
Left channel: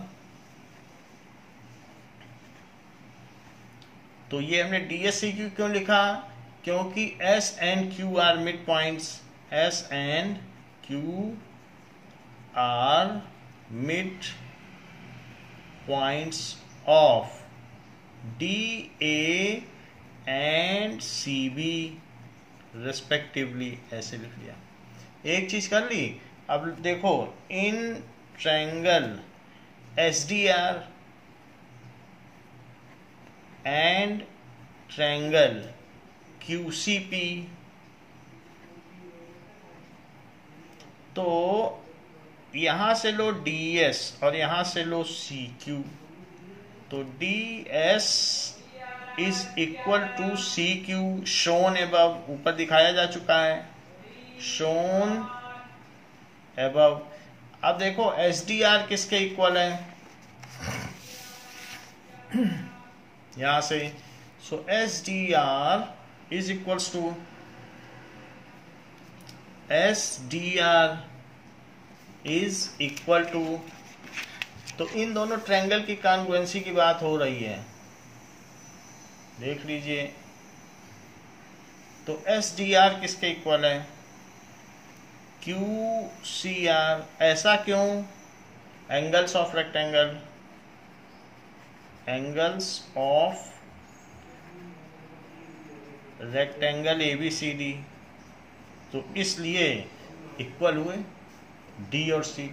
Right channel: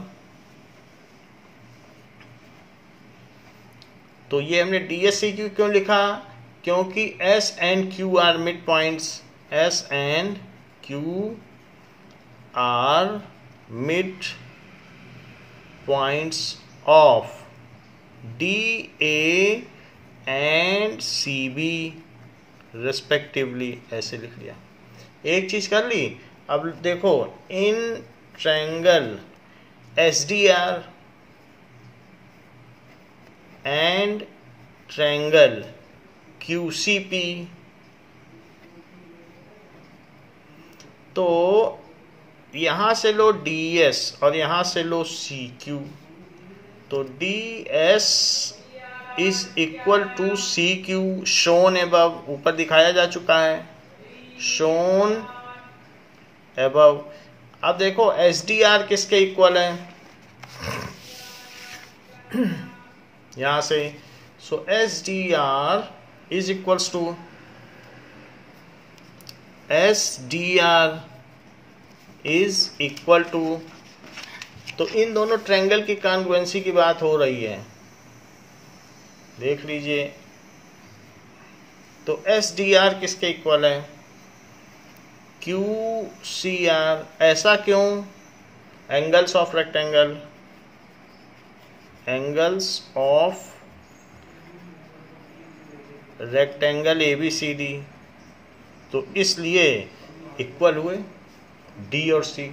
तो ये हमने DSCQ क्यों लिखा? क्योंकि S and Q are mid points. S and Q are mid points of DA and CB respectively। ऐसे लिख लिया। एक चीज कर ली। अब देखो, in triangle SDR and triangle QCP, तो यहां से लो DS और यहां से लो CQ, तो DS is equal to CQ shown above, ऊपर दिखाया जा चुका है, शोन एबव। अब देखो SDR किसके इक्वल है, यहां से, so SDR is equals to SDR is equal to, तो इन दोनों ट्रायंगल की कॉन्ग्रुएंसी की बात हो रही है, देख लीजिए। तो SDR किसके इक्वल है, QCR। ऐसा क्यों, angles of rectangle, angles of rectangle ABCD, तो इसलिए इक्वल हुए D और C,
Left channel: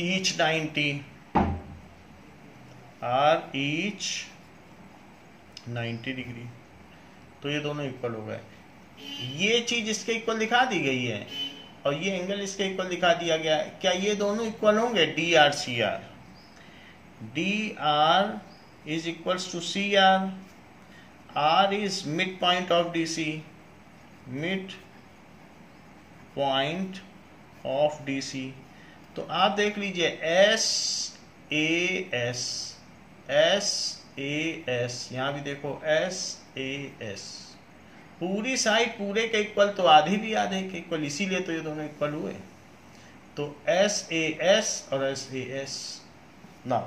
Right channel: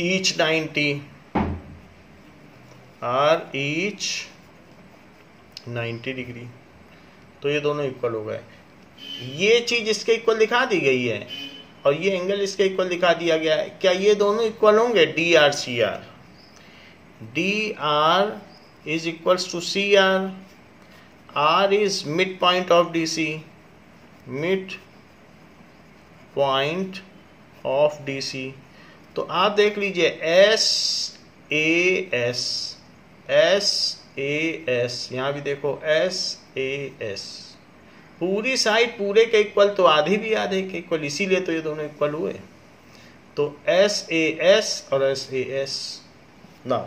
each 90 और each 90 डिग्री, तो ये दोनों इक्वल हो गए। ये चीज इसके इक्वल दिखा दी गई है और ये एंगल इसके इक्वल दिखा दिया गया है। क्या ये दोनों इक्वल होंगे, DR CR? DR is equals to CR, R is mid point of DC, mid point of DC। तो आप देख लीजिए SAS, यहां भी देखो SAS, पूरी साइड पूरे के इक्वल, तो आधे भी आधे के इक्वल, इसीलिए तो ये दोनों इक्वल हुए। तो SAS और SAS। Now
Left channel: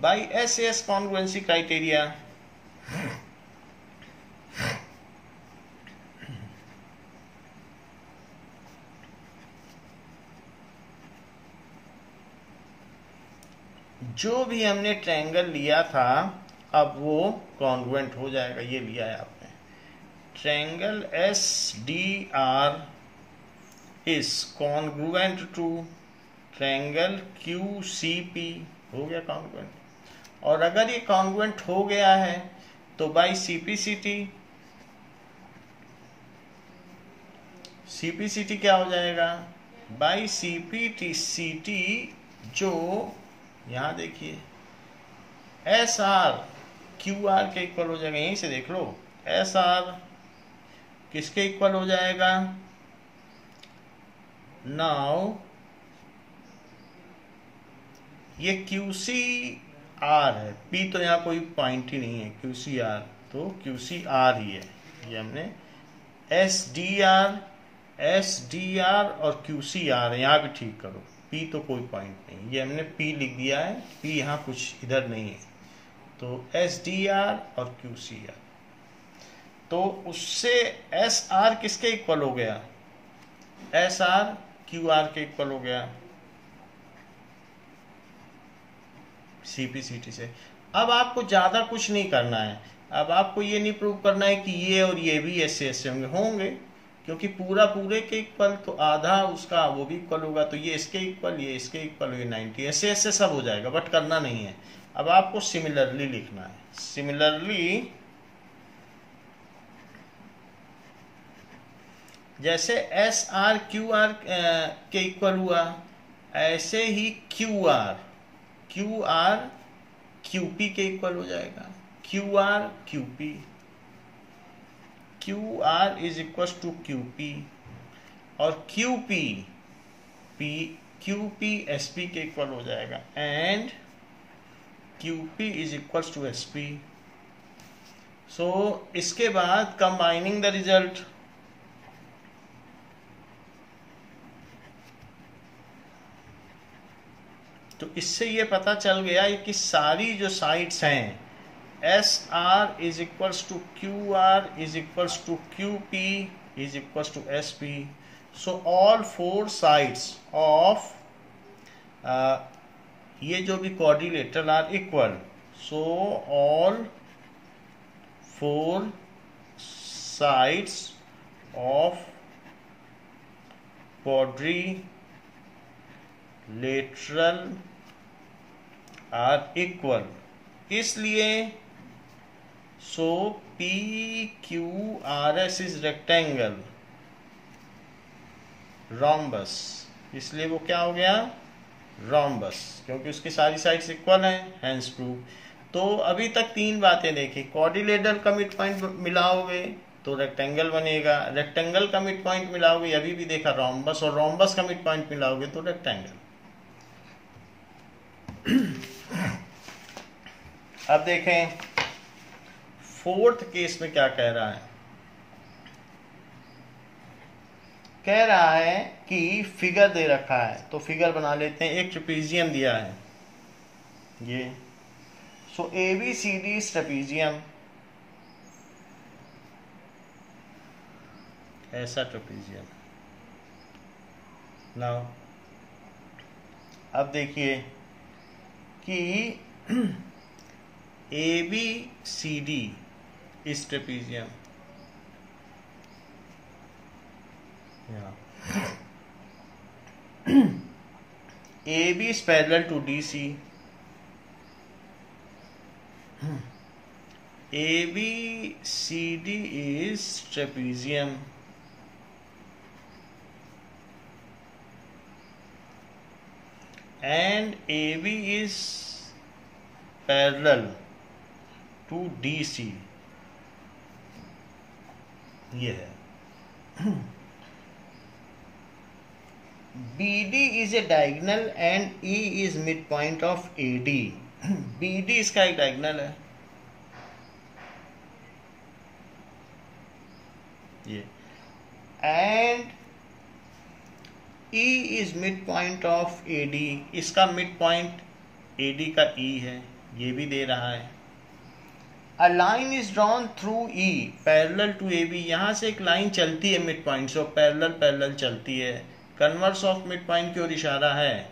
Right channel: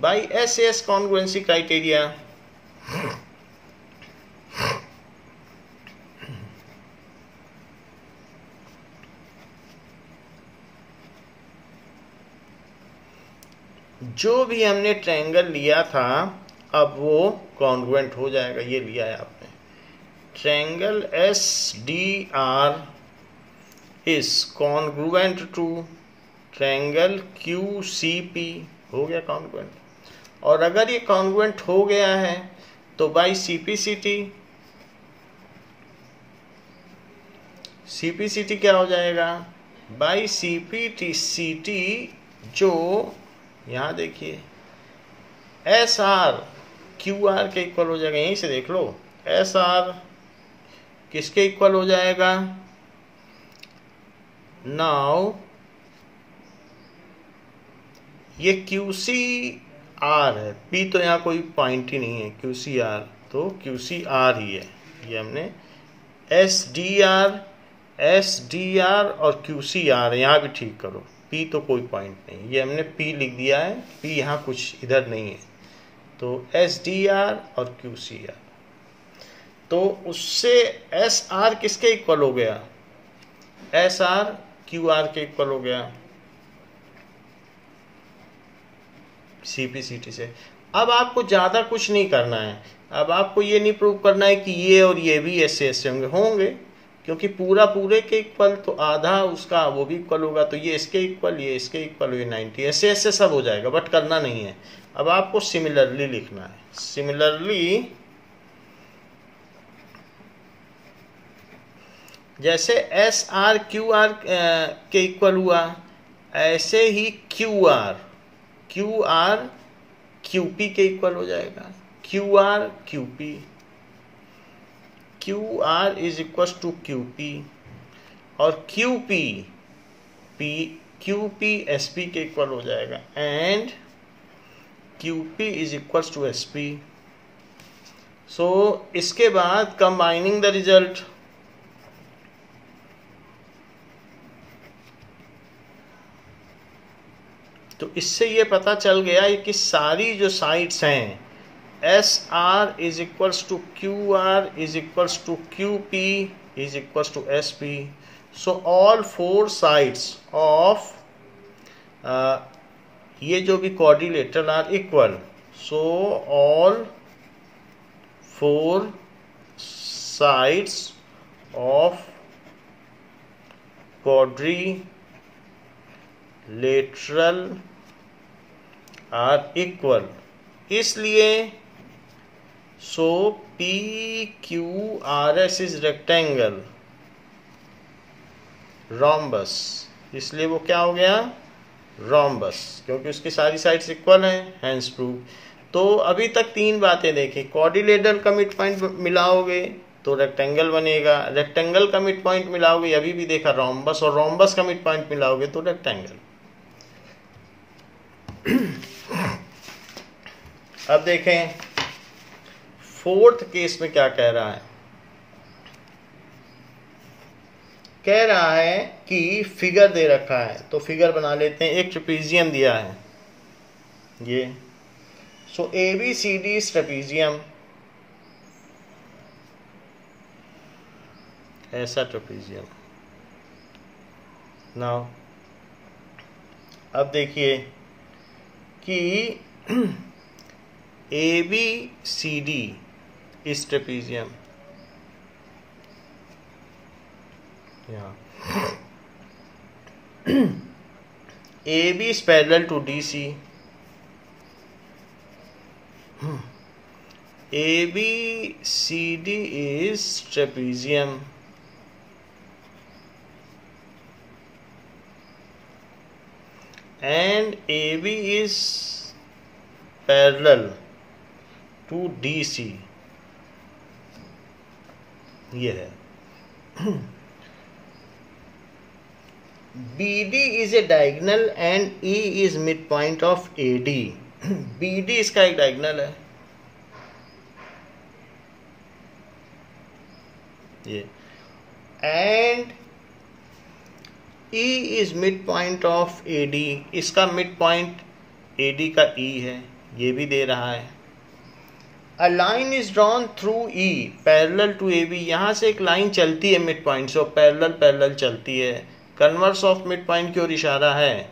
by SAS congruency criteria, जो भी हमने ट्रायंगल लिया था अब वो कॉन्ग्रुएंट हो जाएगा। ये लिया है आपने, triangle SDR is congruent to triangle QCP, हो गया कॉन्ग्रुएंट। और अगर ये कॉन्ग्रुएंट हो गया है तो बाय CPCT क्या हो जाएगा, बाय CPCT, जो यहां देखिए SR QR के इक्वल हो जाएगा, यहीं से देख लो, SR किसके इक्वल हो जाएगा, नाउ ये QCR है, P तो यहाँ कोई पॉइंट ही नहीं है, QCR तो QCR ही है। ये हमने SDR और QCR, यहाँ भी ठीक करो, P तो कोई पॉइंट नहीं, ये हमने P लिख दिया है, P यहाँ कुछ इधर नहीं है, तो SDR और QCR। तो उससे SR किसके इक्वल हो गया, SR QR के इक्वल हो गया CPCT से। अब आपको ज्यादा कुछ नहीं करना है, अब आपको ये नहीं प्रूव करना है कि ये और ये भी ऐसे ऐसे होंगे, क्योंकि पूरा पूरे के इक्वल, तो आधा उसका वो भी इक्वल होगा, तो ये इसके इक्वल, ये इसके इक्वल, ये 90, ऐसे ऐसे सब हो जाएगा, बट करना नहीं है। अब आपको सिमिलरली लिखना है, सिमिलरली जैसे SR QR के इक्वल हुआ, ऐसे ही QR QP के इक्वल हो जाएगा, QR is equal to QP, और QP SP के इक्वल हो जाएगा, and QP is equal to SP। So इसके बाद कंबाइनिंग द रिजल्ट, तो इससे ये पता चल गया कि सारी जो साइड्स हैं SR is equals to QR is equals to QP is equals to SP। So all 4 sides of ये जो भी quadrilateral are equal, so all 4 sides of quadrilateral are equal, इसलिए so P Q R S is rectangle rhombus, इसलिए वो क्या हो गया रोम्बस, क्योंकि उसकी सारी साइड्स इक्वल हैं, हैंस प्रूव। तो अभी तक 3 बातें देखी, क्वाड्रिलेटरल का मिड पॉइंट मिलाओगे तो रेक्टेंगल बनेगा, रेक्टेंगल का मिड पॉइंट मिलाओगे, अभी भी देखा रोम्बस, और रोम्बस का मिड पॉइंट मिलाओगे तो रेक्टेंगल। अब देखें 4th केस में क्या कह रहा है। कह रहा है कि फिगर दे रखा है, तो फिगर बना लेते हैं। एक ट्रेपीजियम दिया है ये, so A B C D trapezium, ऐसा ट्रेपीजियम। नाउ अब देखिए कि ए बी सी डी इस trapezium, A B is parallel to D C, A B C D is trapezium, and AB is parallel to DC, ये है। BD is a diagonal and E is midpoint of AD, BD इसका एक डायगोनल है ये, and E is midpoint of AD, इसका midpoint AD का E है, ये भी दे रहा है। A line is drawn through E parallel to AB, यहाँ से एक लाइन चलती है midpoint से, पैरेलल चलती है। कन्वर्स ऑफ midpoint की ओर इशारा है,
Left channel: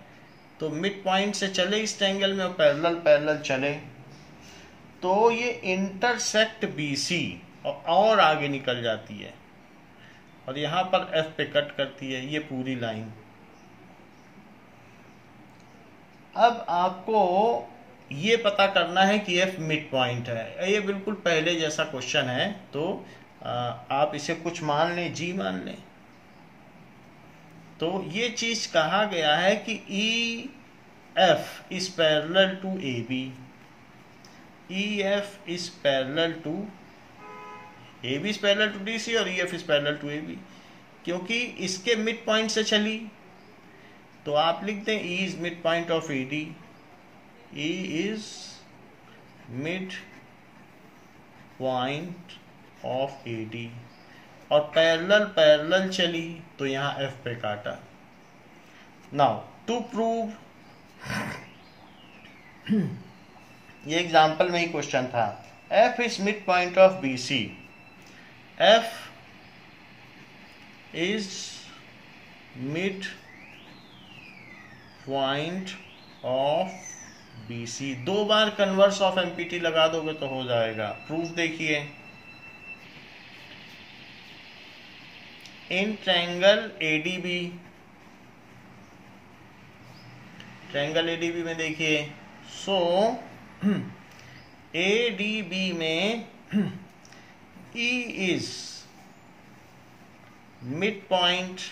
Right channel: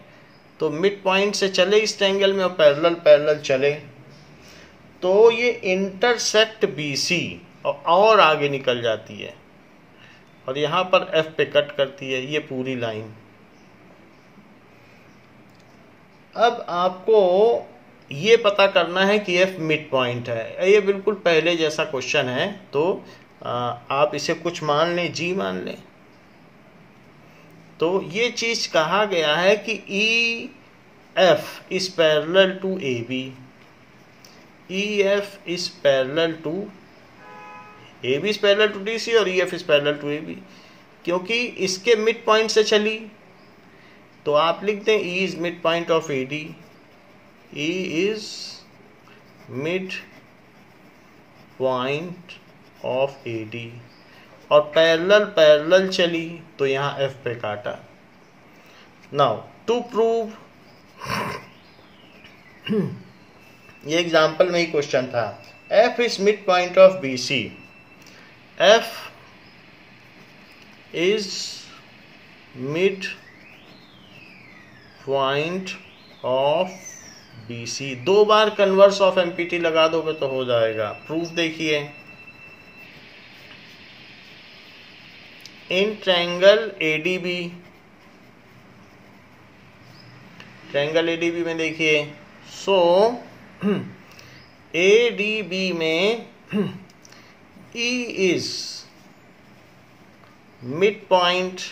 तो midpoint से चले इस ट्रायंगल में और पैरेलल चले, तो ये इंटरसेक्ट BC और आगे निकल जाती है और यहाँ पर F पे कट करती है ये पूरी लाइन। अब आपको ये पता करना है कि F मिड पॉइंट है, ये बिल्कुल पहले जैसा क्वेश्चन है, तो आप इसे कुछ मान लें, G मान लें। तो ये चीज कहा गया है कि EF is parallel to AB, EF is parallel to AB is parallel to DC और EF is parallel to AB, क्योंकि इसके मिड पॉइंट से चली, तो आप लिख दें E is mid point of AD, E is mid point of AD, और पैरेलल चली तो यहाँ F पे काटा। नाउ टू प्रूव, ये एग्जाम्पल में ही क्वेश्चन था, F is mid point of BC, F is mid point of BC, 2 bar converse of empty लगा दोगे तो हो जाएगा। प्रूफ देखिए, इन ट्रायंगल ADB में देखिए, सो ADB में E is midpoint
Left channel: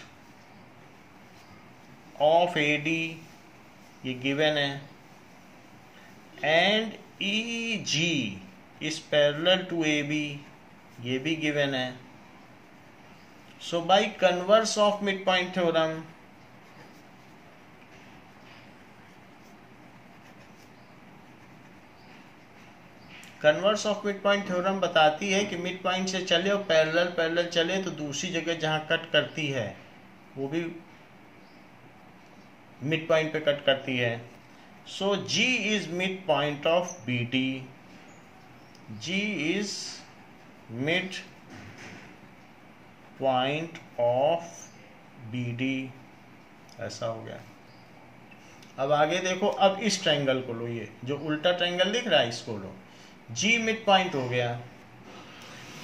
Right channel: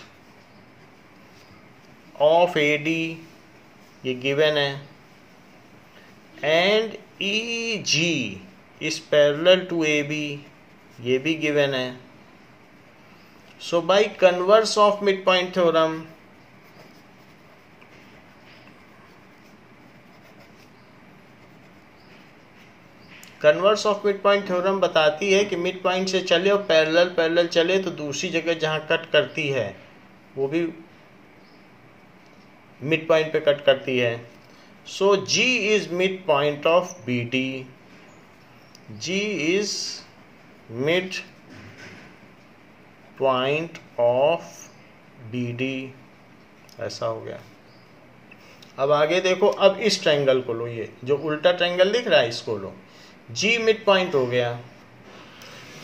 of AD, ये गिवन है, and EG is parallel to AB, ये भी गिवन है। So by converse of midpoint theorem, converse of mid point theorem बताती है कि मिड पॉइंट से चले और पैरेलल चले तो दूसरी जगह जहां कट करती है वो भी मिड पॉइंट पे कट करती है। सो G is mid point of BD, G is mid point of BD, ऐसा हो गया। अब आगे देखो, अब इस ट्रायंगल को लो, ये जो उल्टा ट्रायंगल दिख रहा है इसको लो, जी मिड पॉइंट हो गया।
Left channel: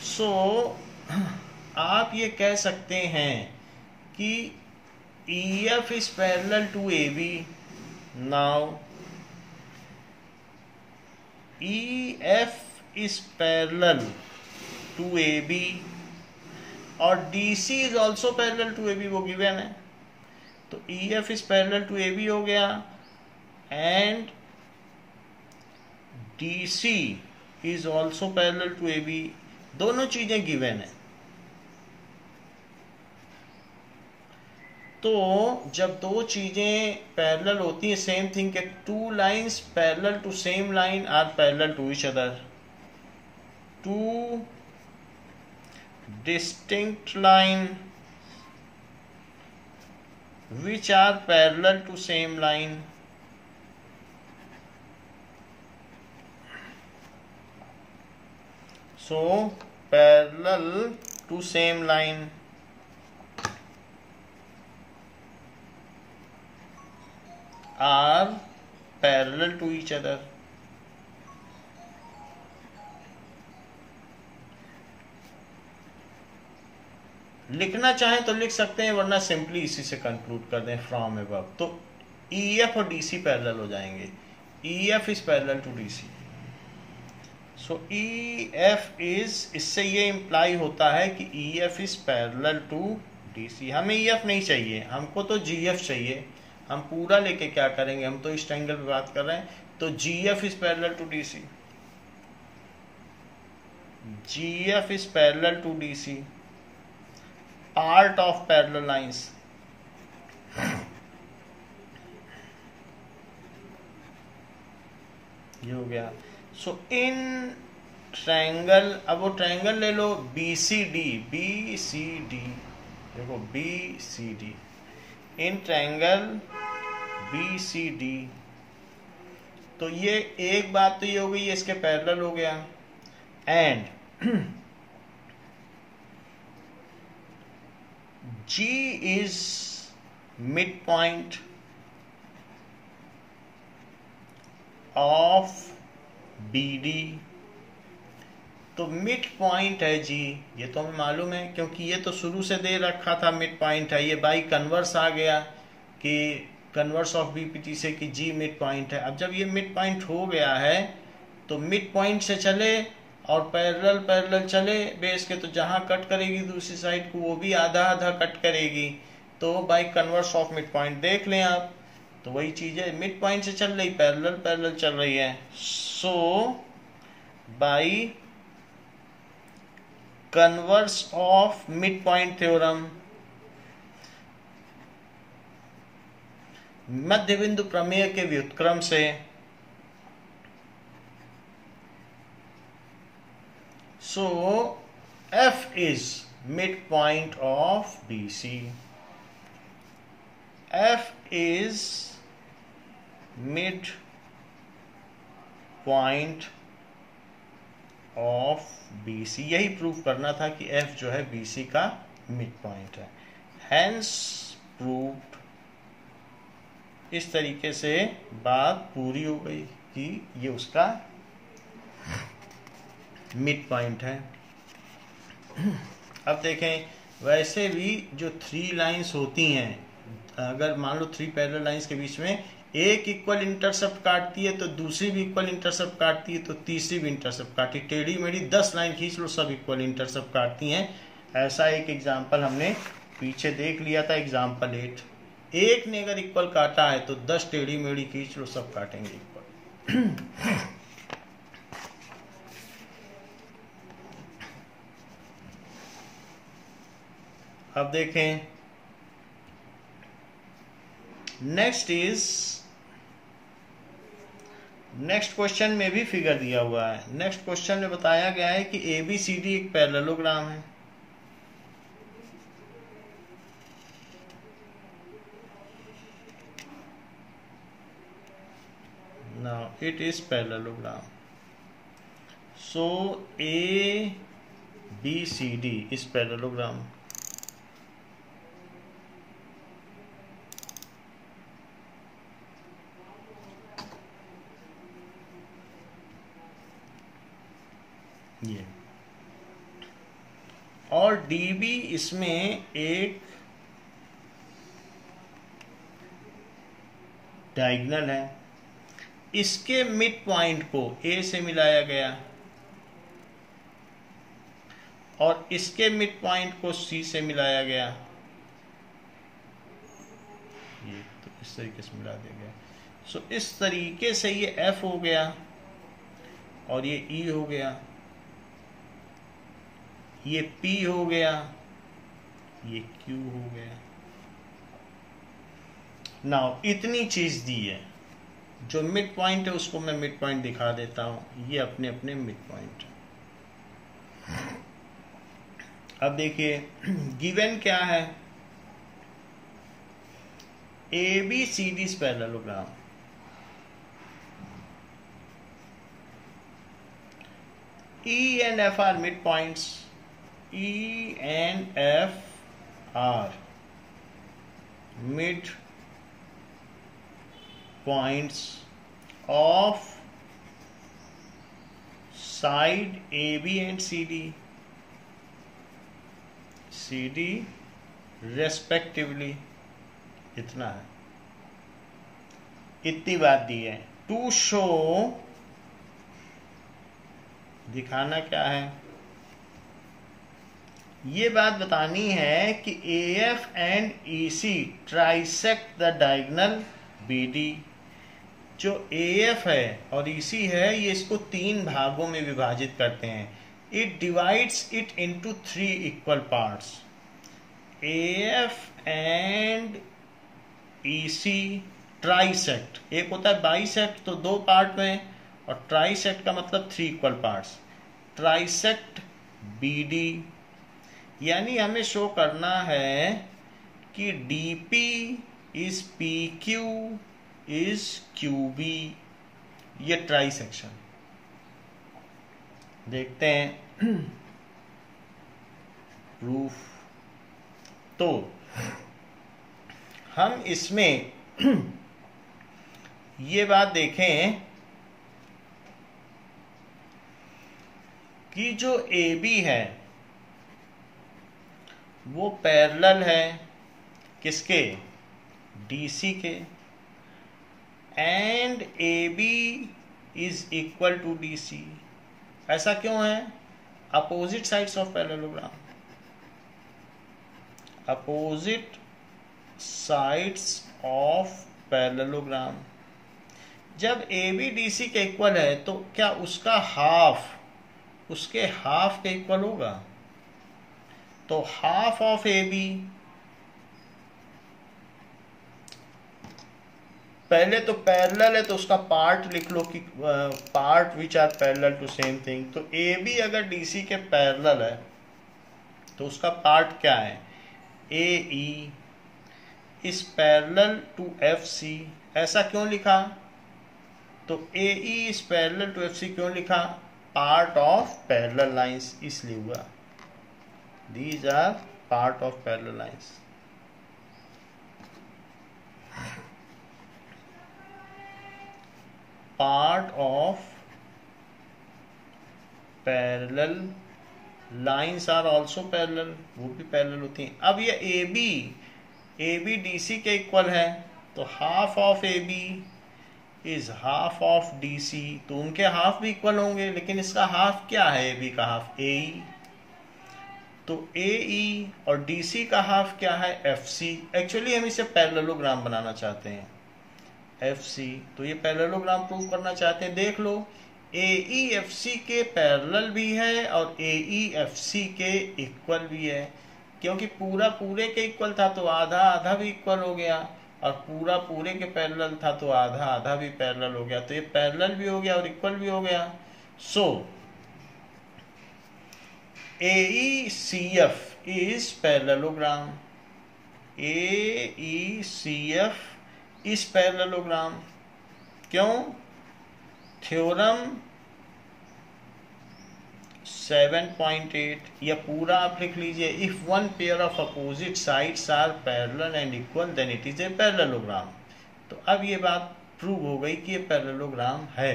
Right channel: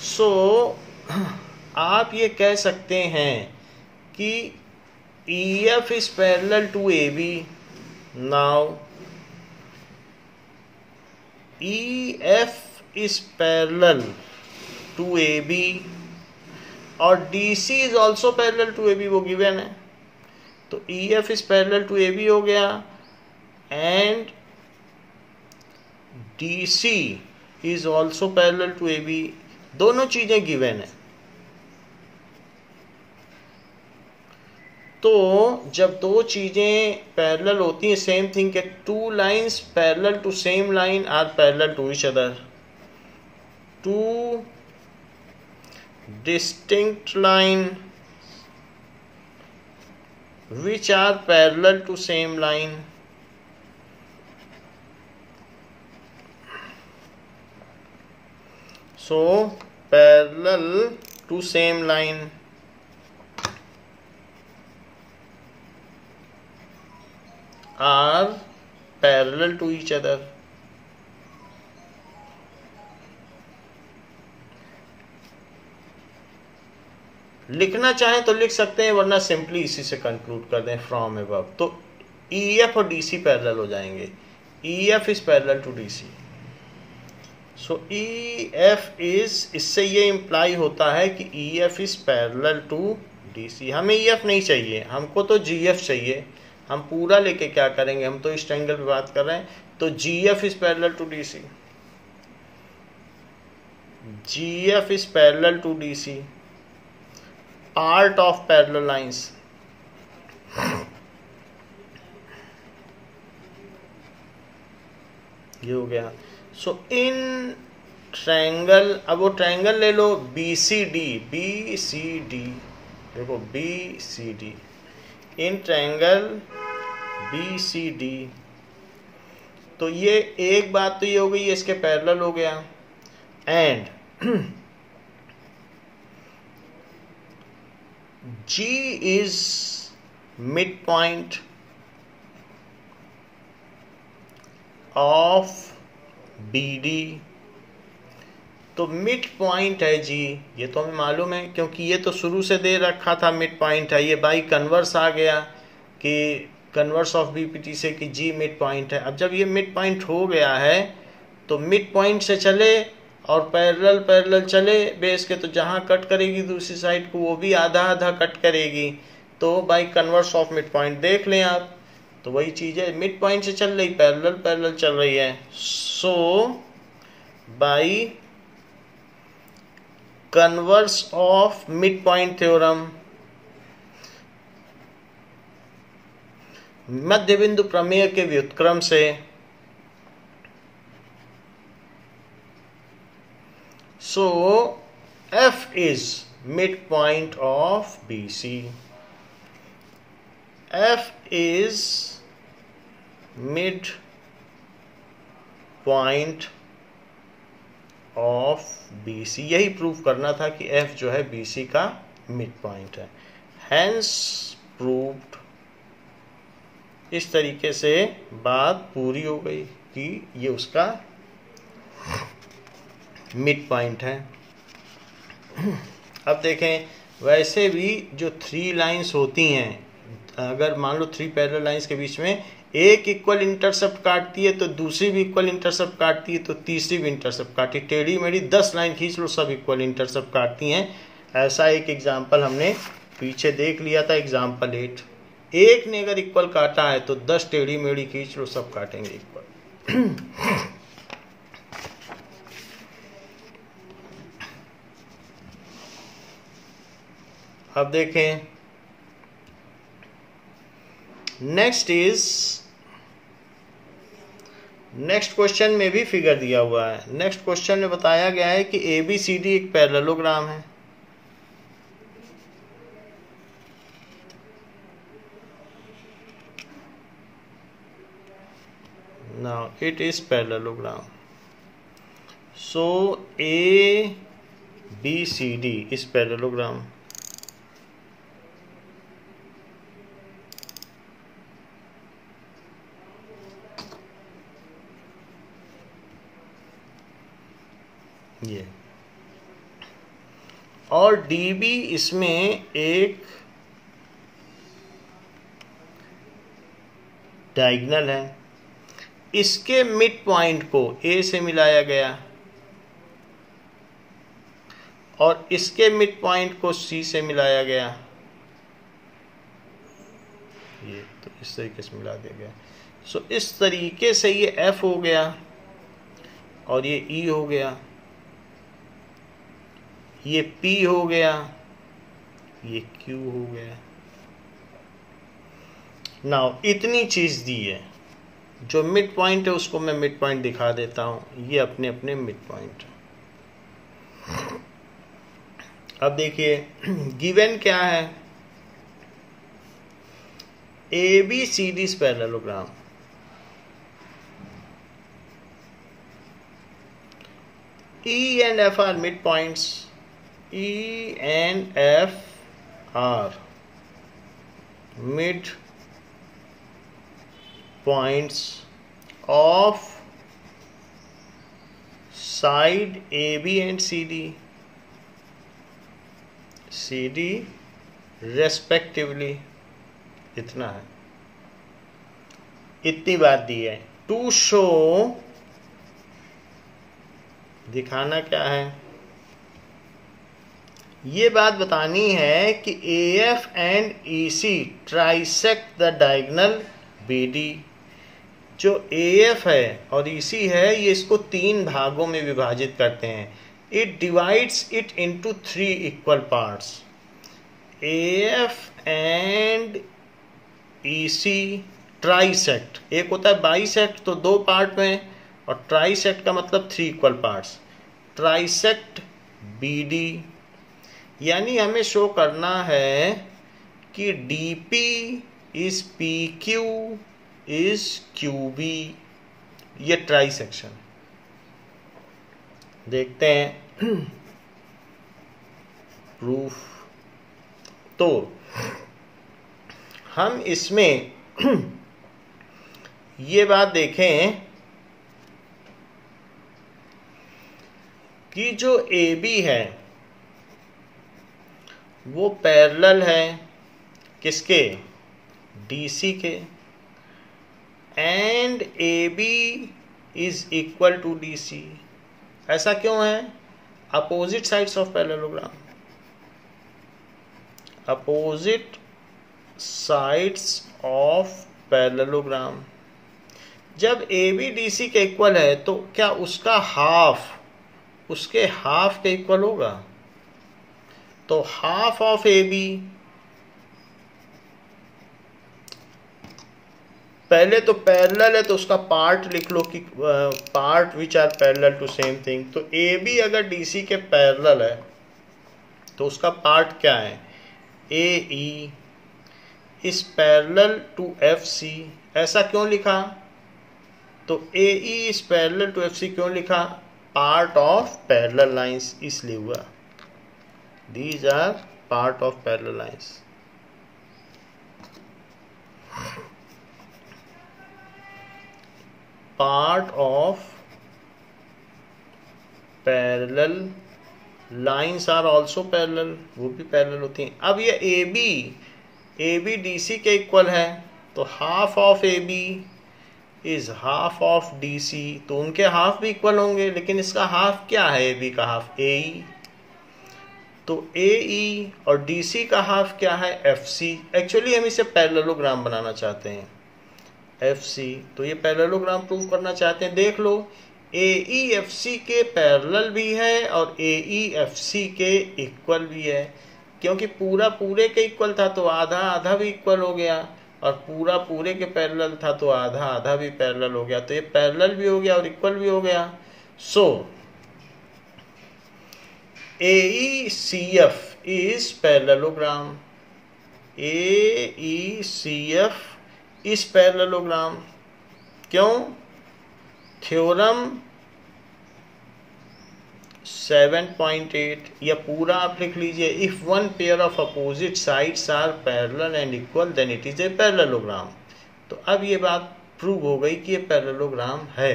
सो आप ये कह सकते हैं कि EF is parallel to AB. Now EF is parallel to AB और DC is also parallel to AB, वो गिवन है। तो EF is parallel to AB हो गया and DC is also parallel to AB, दोनों चीजें गिवन है। तो जब दो चीजें पैरेलल होती हैं, सेम थिंग के two lines parallel to same line are parallel to each other, two distinct line which are parallel to same line so parallel to same line are parallel to each other। लिखना चाहें तो लिख सकते हैं, वरना सिंपली इसी से कंक्लूड कर दें फ्रॉम अबव। तो EF और DC पैरेलल हो जाएंगे। EF is parallel to DC। So EF is, इससे ये इंप्लाई होता है कि EF is parallel to DC। हमें EF नहीं चाहिए, हमको तो GF चाहिए। हम पूरा लेके क्या करेंगे, हम तो इस ट्रायंगल पे बात कर रहे हैं। तो GF is parallel to DC, GF is parallel to DC, part of parallel lines. ये हो गया। सो इन ट्रायंगल, अब वो ट्रायंगल ले लो BCD, BCD देखो BCD, इन ट्रायंगल BCD। तो ये एक बात तो ये हो गई, ये इसके पैरेलल हो गया। And G is midpoint of BD। तो मिड पॉइंट है G, ये तो हमें मालूम है क्योंकि ये तो शुरू से दे रखा था मिड पॉइंट है। ये बाई कन्वर्स आ गया कि कन्वर्स ऑफ BPT से कि G मिड पॉइंट है। अब जब ये मिड पॉइंट हो गया है तो मिड पॉइंट से चले और पैरेलल पैरेलल चले बेस के, तो जहां कट करेगी दूसरी साइड को वो भी आधा आधा कट करेगी। तो by converse of mid point देख लें आप, तो वही चीज है, मिड पॉइंट से चल रही, पैरेलल पैरेलल चल रही है। So by converse of mid point theorem, मध्य बिंदु प्रमेय के व्युत्क्रम से, so F is midpoint of BC, F is midpoint of BC। यही प्रूव करना था कि F जो है BC का मिड पॉइंट है। Hence proved। इस तरीके से बात पूरी हो गई कि ये उसका मिड पॉइंट है। अब देखें, वैसे भी जो थ्री लाइंस होती हैं, अगर मान लो थ्री पैरेलल लाइंस के बीच में एक इक्वल इंटरसेप्ट काटती है तो दूसरी भी इक्वल इंटरसेप्ट काटती है, तो तीसरी भी इंटरसेप्ट काटती है। टेढ़ी मेढ़ी 10 लाइन खींच लो, सब इक्वल इंटरसेप्ट काटती हैं। ऐसा एक एग्जाम्पल हमने पीछे देख लिया था, एग्जाम्पल 8। एक ने अगर इक्वल काटा है तो 10 टेढ़ी मेढ़ी खींच लो, सब काटेंगे इक्वल। अब देखें, नेक्स्ट क्वेश्चन में भी फिगर दिया हुआ है। नेक्स्ट क्वेश्चन में बताया गया है कि ABCD एक पैरेललोग्राम है। Now it is parallelogram. So ABCD is parallelogram. ये, और DB इसमें एक डायगोनल है, इसके मिड पॉइंट को A से मिलाया गया और इसके मिड पॉइंट को C से मिलाया गया। ये तो इस तरीके से मिला दिया गया। सो इस तरीके से ये F हो गया और ये E हो गया, ये P हो गया, ये Q हो गया। नाउ इतनी चीज दी है, जो मिड पॉइंट है उसको मैं मिड पॉइंट दिखा देता हूं। ये अपने अपने मिड पॉइंट। अब देखिए गिवन क्या है, ABCD parallelogram, E and F are midpoints. E and F are midpoints of side AB and CD respectively. इतना है, इतनी बात दी है। टू शो, दिखाना क्या है, ये बात बतानी है कि AF and EC trisect the diagonal BD। जो AF है और EC है, ये इसको 3 भागों में विभाजित करते हैं। It divides it into 3 equal parts. AF and EC trisect, एक होता है बाइसेक्ट तो 2 पार्ट में, और ट्राइसेक्ट का मतलब 3 इक्वल पार्ट्स। ट्राइसेक्ट BD, यानी हमें शो करना है कि DP is PQ is QB। ये ट्राइसेक्शन देखते हैं प्रूफ। तो हम इसमें ये बात देखें कि जो AB है वो पैरेलल है किसके, DC के, and AB is equal to DC। ऐसा क्यों है, opposite sides of parallelogram, opposite sides of parallelogram. जब AB DC के इक्वल है तो क्या उसका हाफ उसके हाफ के इक्वल होगा? तो हाफ ऑफ AB, पहले तो पैरेलल है तो उसका पार्ट लिख लो कि part which are parallel to same thing. तो AB अगर DC के पैरेलल है तो उसका पार्ट क्या है, AE is parallel to FC। ऐसा क्यों लिखा, तो AE is parallel to FC क्यों लिखा, पार्ट ऑफ पैरेलल लाइंस इसलिए हुआ। These are part of parallel lines. Part of parallel lines are also parallel, वो भी पैरेलल होती हैं। अब ये AB DC के इक्वल है तो half of AB is half of DC, तो उनके हाफ भी इक्वल होंगे, लेकिन इसका हाफ क्या है, AB का हाफ AE, तो AE और DC का हाफ क्या है, FC। एक्चुअली हम इसे पैरेललोग्राम बनाना चाहते हैं, FC। तो ये पैरेललोग्राम प्रूव करना चाहते हैं। देख लो, AE FC के पैरेलल भी है और AE FC के इक्वल भी है, क्योंकि पूरा पूरे के इक्वल था तो आधा आधा भी इक्वल हो गया, और पूरा पूरे के पैरेलल था तो आधा आधा भी पैरेलल हो गया। तो ये पैरेलल भी हो गया और इक्वल भी हो गया। So AECF is parallelogram. AECF is parallelogram. क्यों? थ्योरम 7.8 या पूरा आप लिख लीजिए, if one pair of opposite sides are parallel and equal then it is a parallelogram. तो अब ये बात प्रूव हो गई कि ये पैरेललोग्राम है।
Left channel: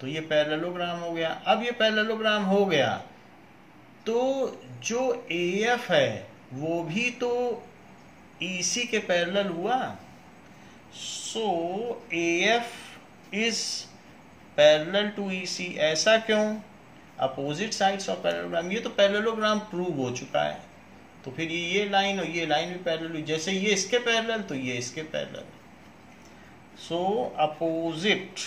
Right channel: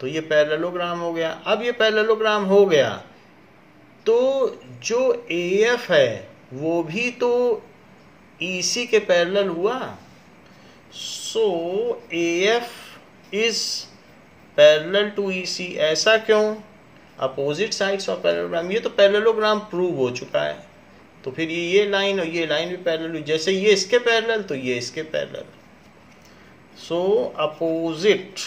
तो ये पैरेललोग्राम हो गया। अब ये पैरेललोग्राम हो गया तो जो AF है वो भी तो EC के पैरेलल हुआ। So AF is parallel to EC। ऐसा क्यों? अपोजिट साइड्स ऑफ पैरेललोग्राम, ये तो पैरेललोग्राम प्रूव हो चुका है। तो फिर ये लाइन और ये लाइन भी पैरेलल हुई, जैसे ये इसके पैरेलल तो ये इसके parallel. So opposite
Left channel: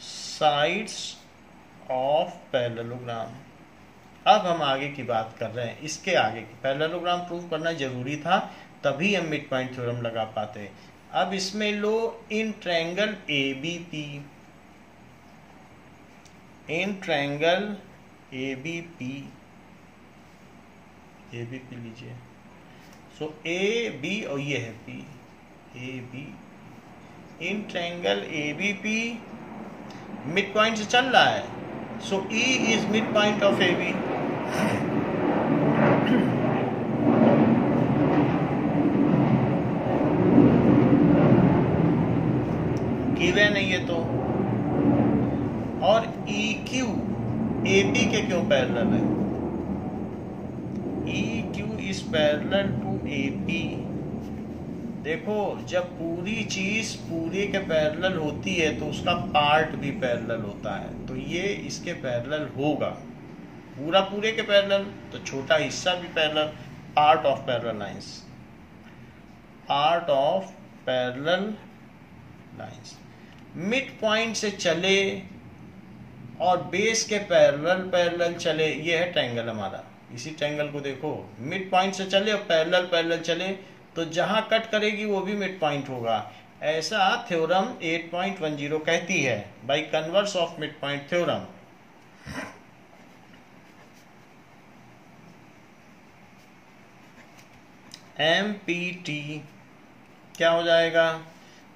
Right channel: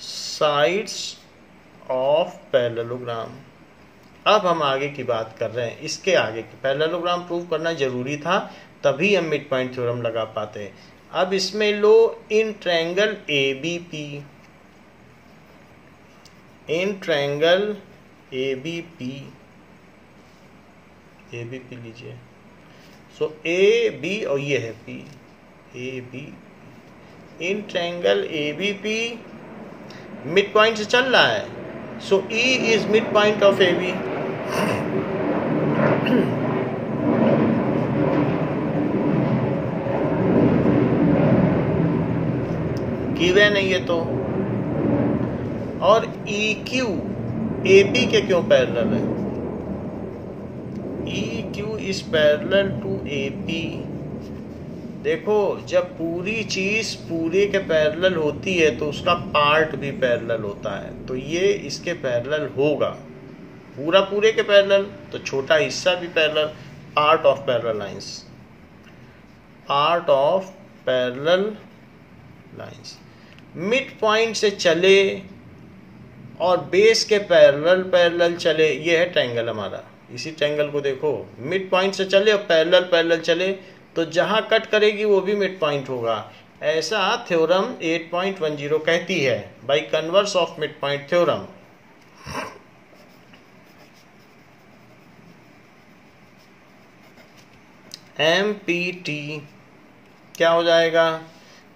sides of parallelogram. अब हम आगे की बात कर रहे हैं, इसके आगे की पैरेललोग्राम प्रूव करना जरूरी था, तभी हम मिड पॉइंट थ्योरम लगा पाते हैं। अब इसमें लो in triangle ABP, in triangle ABP लीजिए। सो AB और ये है P, AB in triangle ABP mid point से चल रहा है। So E is mid point of AB। Given है ये तो। और EQ AP के क्यों पैरेलल है? EQ is parallel to AP। देखो, जब पूरी चीज पूरे के पैरेलल होती है तो उसका पार्ट भी पैरेलल होता है, तो ये इसके पैरेलल होगा। पूरा पूरे के पैरेलल तो छोटा हिस्सा भी parallel. Part of parallel lines, part of parallel lines mid point से चले और बेस के पैरेलल चले। ये है ट्रायंगल हमारा। इसी ट्रायंगल को देखो, मिड पॉइंट से चले और पैरेलल चले तो जहां कट करेगी वो भी मिड पॉइंट होगा। ऐसा थ्योरम 8.10 कहती है, bye converse of mid point theorem. MPT क्या हो जाएगा?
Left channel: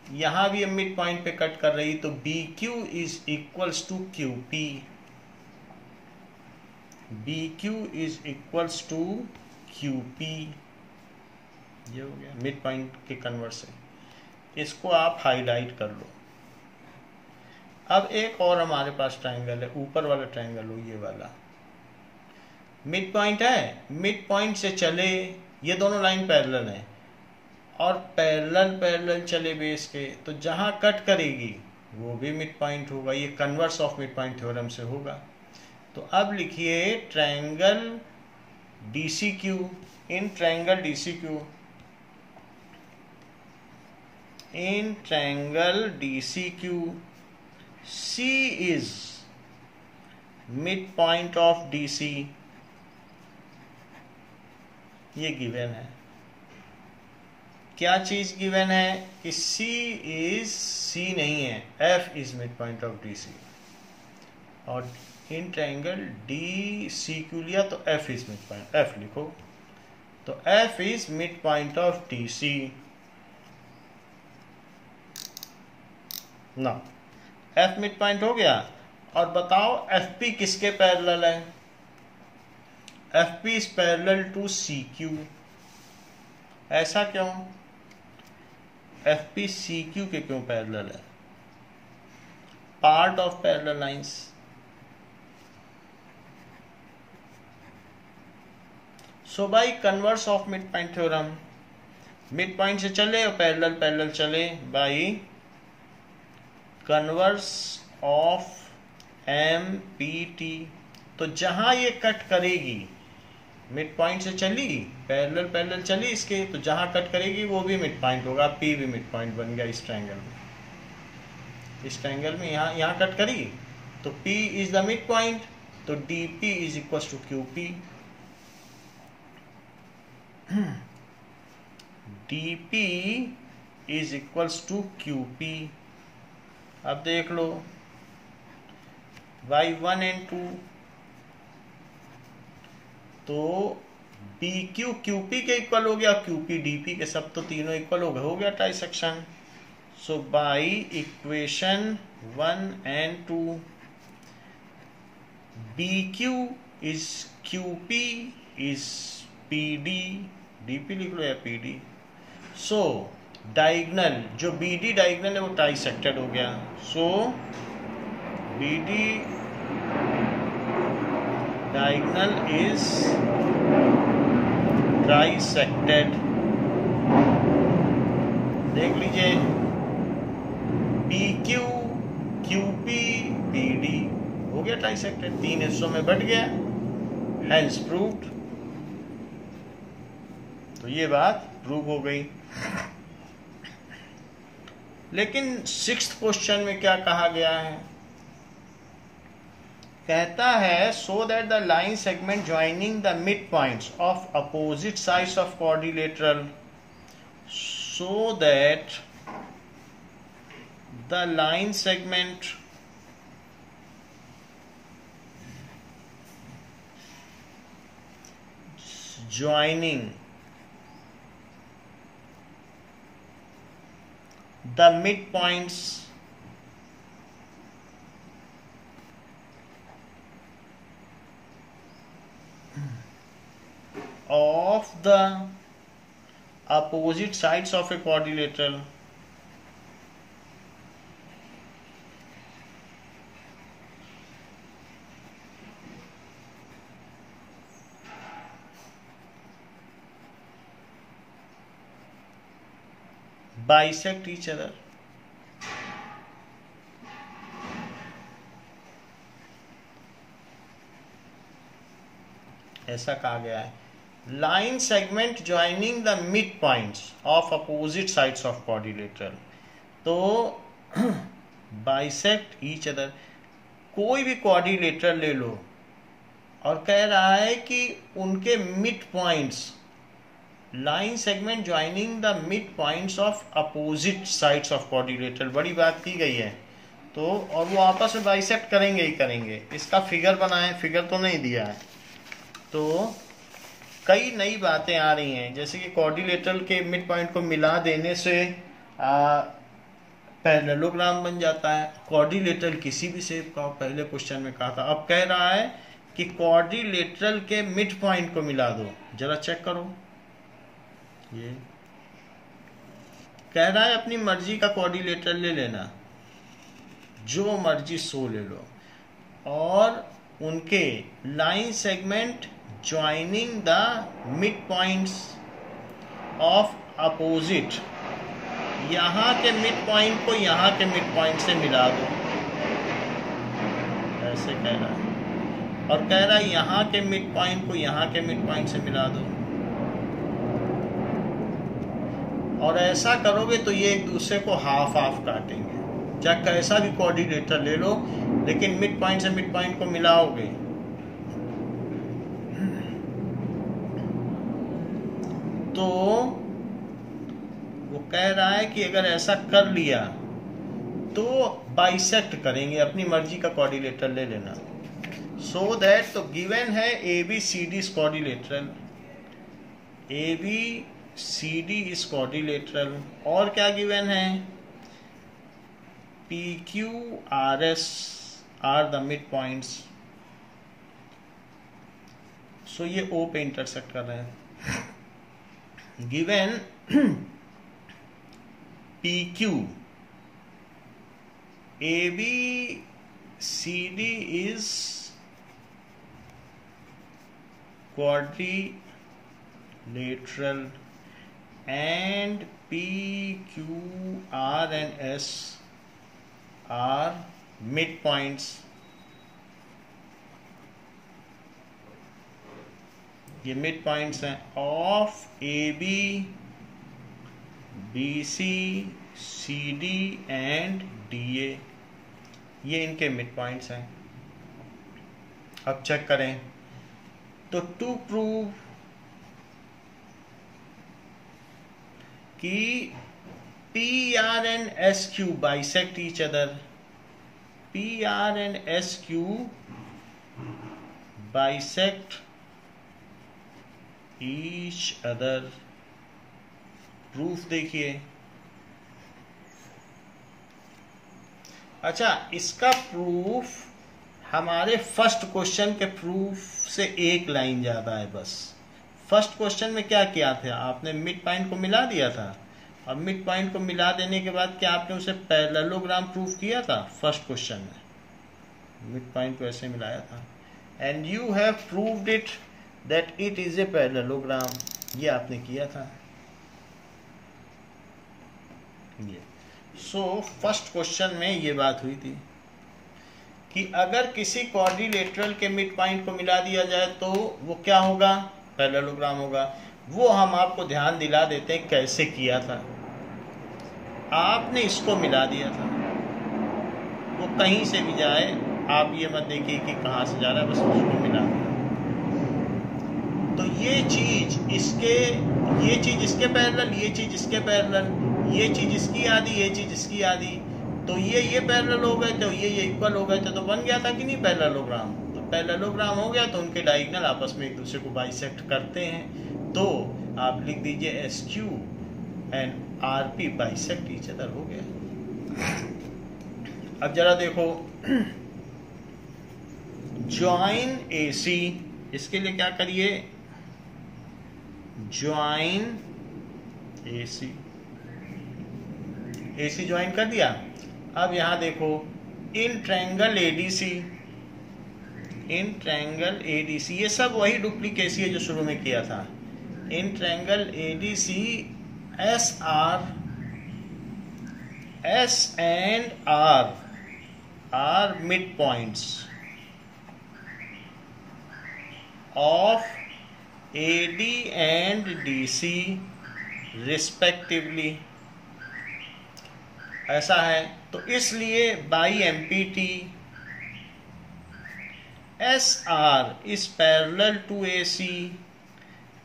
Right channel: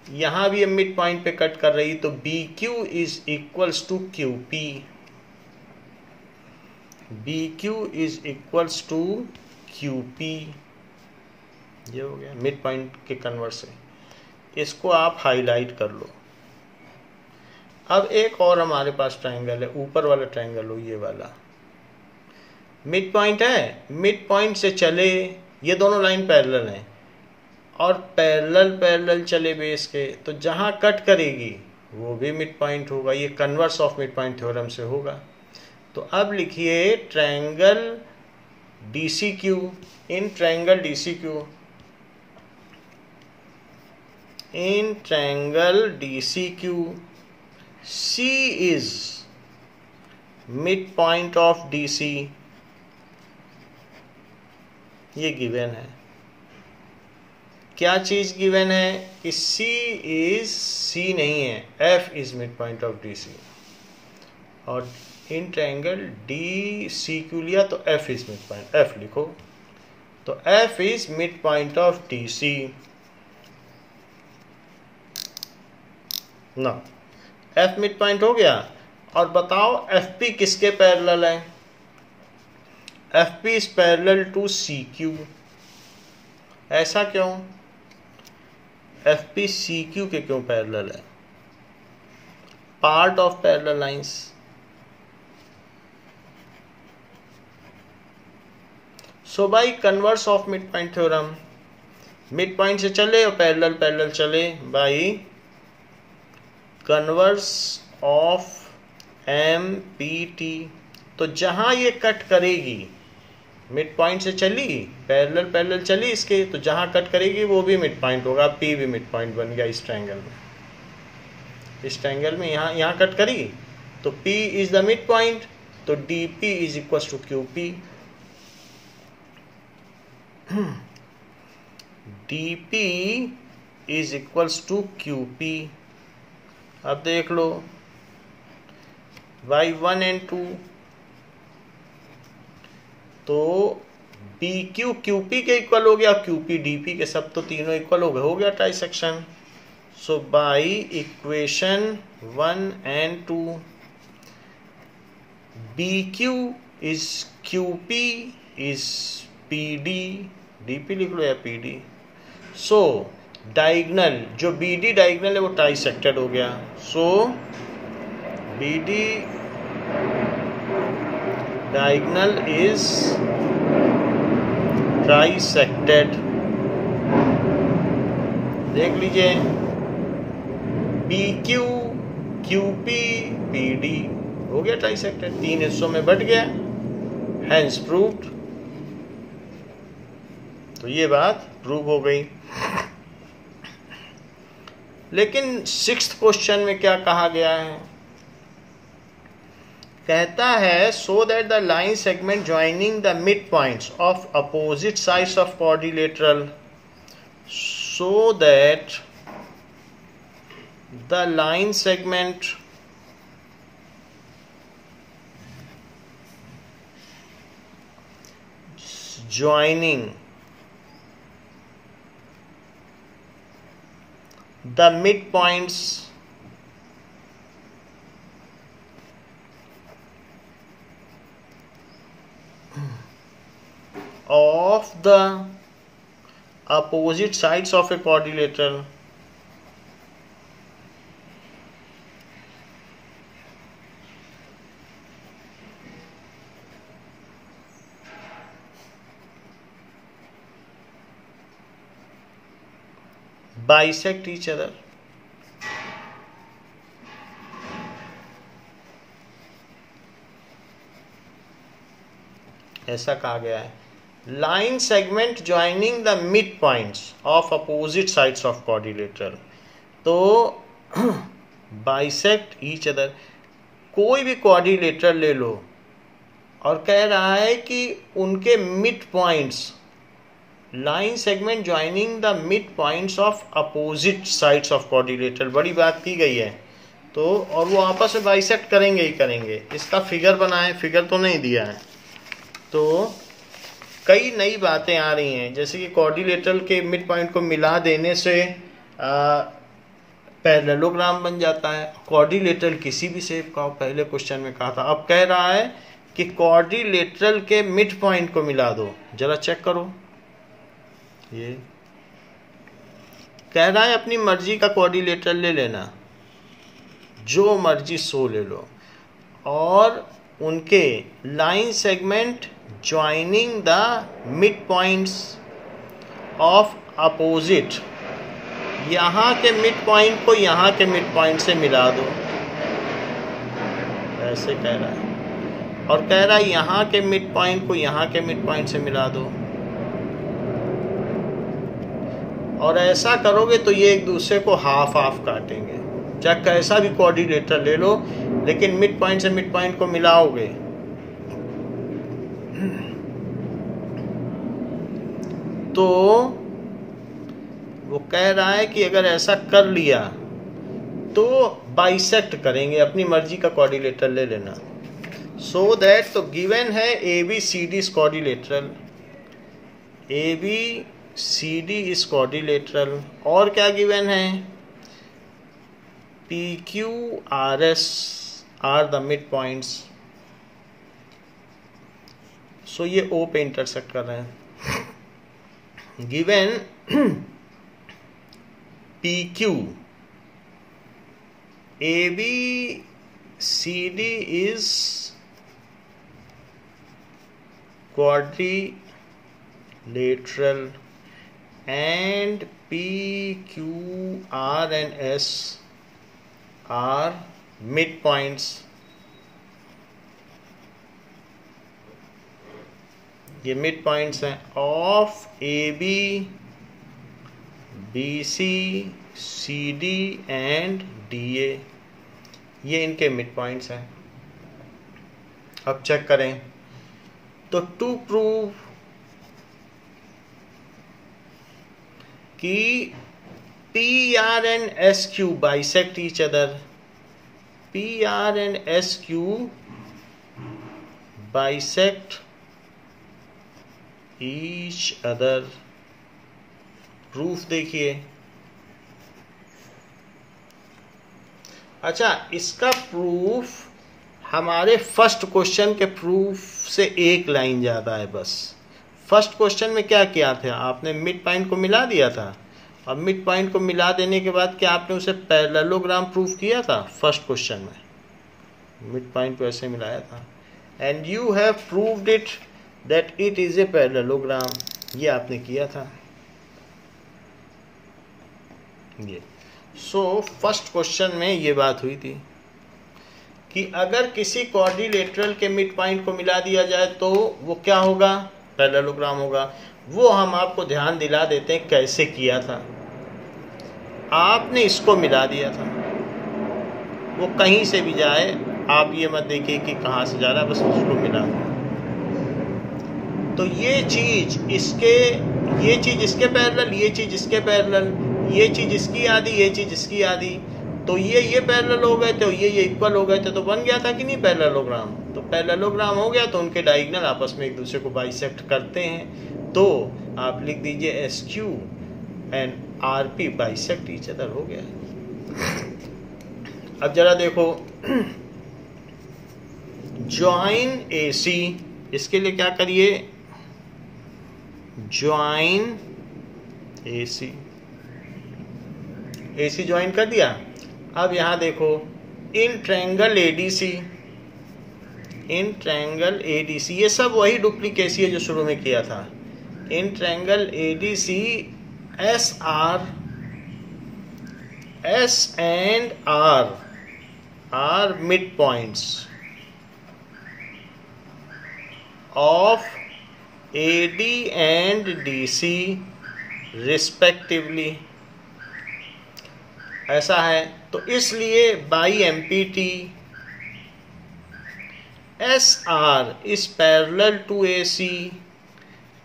यहां भी मिड पॉइंट पे कट कर रही तो BQ is equals to QP। BQ is equals to QP। ये हो गया मिड पॉइंट के कन्वर्सन। इसको आप हाईलाइट कर लो। अब एक और हमारे पास ट्रायंगल है, ऊपर वाला ट्रायंगल हो, ये वाला मिड पॉइंट है। मिड पॉइंट से चले, ये दोनों लाइन पैरेलल हैं और पैरेलल चले बेस के, तो जहां कट करेगी वो भी मिड पॉइंट होगा। ये converse of mid point theorem से होगा। तो अब लिखिए triangle DCQ। In triangle DCQ, in triangle DCQ C is mid point of DC। ये गिवन है। क्या चीज गिवन है? कि C नहीं है, F is mid point of DC। और इन ट्रायंगल DCQ लिया तो F is mid point, F लिखो। तो F is mid point of DC ना। F मिड पॉइंट हो गया। और बताओ FP किसके पैरेलल है? FP is parallel to CQ। ऐसा क्यों? FP CQ के क्यों पैरेलल है? Part of parallel lines. So by converse of mid point theorem, mid point से चले और पैरेलल चले, बाय कन्वर्स ऑफ MPT। तो जहां ये कट करेगी, मिड पॉइंट से चली, पैरेलल चली इसके, तो जहां कट करेगी वो भी मिड पॉइंट होगा। P भी मिड पॉइंट बन गया इस ट्रायंगल में। इस ट्रायंगल में यहाँ कट करी तो P is the mid point, तो DP is equal to QP। DP is equal to QP। अब देख लो y1 and 2, तो BQ QP के इक्वल हो गया, QP DP के, सब तो तीनों इक्वल हो गया trisection. So by equation 1 and 2 BQ is QP is PD, DP लिख लो या PD। सो डायगनल, जो BD डायगनल है वो ट्राइसेक्टेड हो गया। सो BD डायगनल इज ट्राइसेक्टेड। देख लीजिए, PQ QP PD हो गया ट्राइसेक्टेड, 3 हिस्सों में बट गया, हैंस प्रूव्ड। तो ये बात प्रूव हो गई। लेकिन 6th क्वेश्चन में क्या कहा गया है? कहता है so that the line segment joining the mid points of opposite sides of quadrilateral, so that the line segment joining the midpoints of the opposite sides of a quadrilateral bisect each other। ऐसा कहा गया है, line segment joining the midpoints of opposite sides of quadrilateral, तो bisect each other, कोई भी क्वाड्रिलेटरल ले लो और कह रहा है कि उनके mid points, line segment joining the mid points of opposite sides of quadrilateral, बड़ी बात की गई है। तो और वो आपस में बाइसेक्ट करेंगे ही करेंगे। इसका फिगर बनाए, फिगर तो नहीं दिया है। तो कई नई बातें आ रही हैं, जैसे कि क्वाड्रिलेटरल के मिड पॉइंट को मिला देने से पैरेललोग्राम बन जाता है। क्वाड्रिलेटरल किसी भी शेप का, पहले क्वेश्चन में कहा था। अब कह रहा है कि क्वाड्रिलेटरल के मिड पॉइंट को मिला दो। जरा चेक करो, ये कह रहा है अपनी मर्जी का क्वाड्रिलेटरल ले लेना, जो मर्जी सो ले लो, और उनके line segment joining the mid points of opposite, यहाँ के मिड पॉइंट को यहाँ के मिड पॉइंट से मिला दो, ऐसे कह रहा है। और कह रहा है यहाँ के मिड पॉइंट को यहाँ के मिड पॉइंट से मिला दो। और ऐसा करोगे तो ये एक दूसरे को हाफ हाफ काटेंगे। चाहे कैसा भी क्वाड्रिलेटरल ले लो, लेकिन मिड पॉइंट से मिड पॉइंट को मिलाओगे। तो वो कह रहा है कि अगर ऐसा कर लिया तो बाइसेक्ट करेंगे, अपनी मर्जी का क्वाड्रिलेटरल ले लेना। सो दैट, तो गिवन है ABCD quadrilateral, ABCD is quadrilateral. और क्या गिवन है? PQRS are the mid points. So ये O पे इंटरसेक्ट कर रहे हैं। Given PQ ABCD is quadrilateral and PQR and S are midpoints। ये मिड पॉइंट्स हैं of AB BC CD and DA, ये इनके मिड पॉइंट्स हैं। अब चेक करें, तो टू प्रूव कि PR and SQ bisect each other, PR and SQ bisect each other। Proof देखिए। अच्छा, इसका प्रूफ हमारे फर्स्ट क्वेश्चन के प्रूफ से एक लाइन ज्यादा है बस। फर्स्ट क्वेश्चन में क्या किया था आपने? मिड पॉइंट को मिला दिया था अब मिड पॉइंट को मिला देने के बाद क्या आपने उसे पैरेललोग्राम प्रूव किया था? फर्स्ट क्वेश्चन में मिड पॉइंट को ऐसे मिलाया था, and you have proved it that it is a parallelogram, ये आपने किया था ये। सो फर्स्ट क्वेश्चन में ये बात हुई थी कि अगर किसी क्वाड्रिलेटरल के मिड पॉइंट को मिला दिया जाए तो वो क्या होगा? पैरेललोग्राम होगा। वो हम आपको ध्यान दिला देते हैं कैसे किया था। आपने इसको मिला दिया था, वो कहीं से भी जाए आप ये मत देखिए कि कहाँ से जा रहा है, बस उसको मिला दिया। तो ये चीज इसके पैरेलल, ये चीज इसके पैरेलल, ये चीज इसकी आधी, ये चीज इसकी आधी, तो ये पैरेलल हो गए थे, ये इक्वल हो गए थे, तो बन गया था कि नहीं पैरेललोग्राम? तो पैरेललोग्राम हो गया तो उनके डायगोनल आपस में एक दूसरे को बाइसेक्ट करते हैं, तो आप लिख दीजिए SQ and RP bisect each other, हो गया। अब जरा देखो, ज्वाइन AC, इसके लिए क्या करिए? ज्वाइन AC ज्वाइन कर दिया। अब यहां देखो, इन ट्रायंगल ADC, ये सब वही डुप्लीकेसी है जो शुरू में किया था। इन triangle ADC SR, S and R are midpoints of AD and DC respectively, ऐसा है। तो इसलिए by MPT SR is parallel to AC,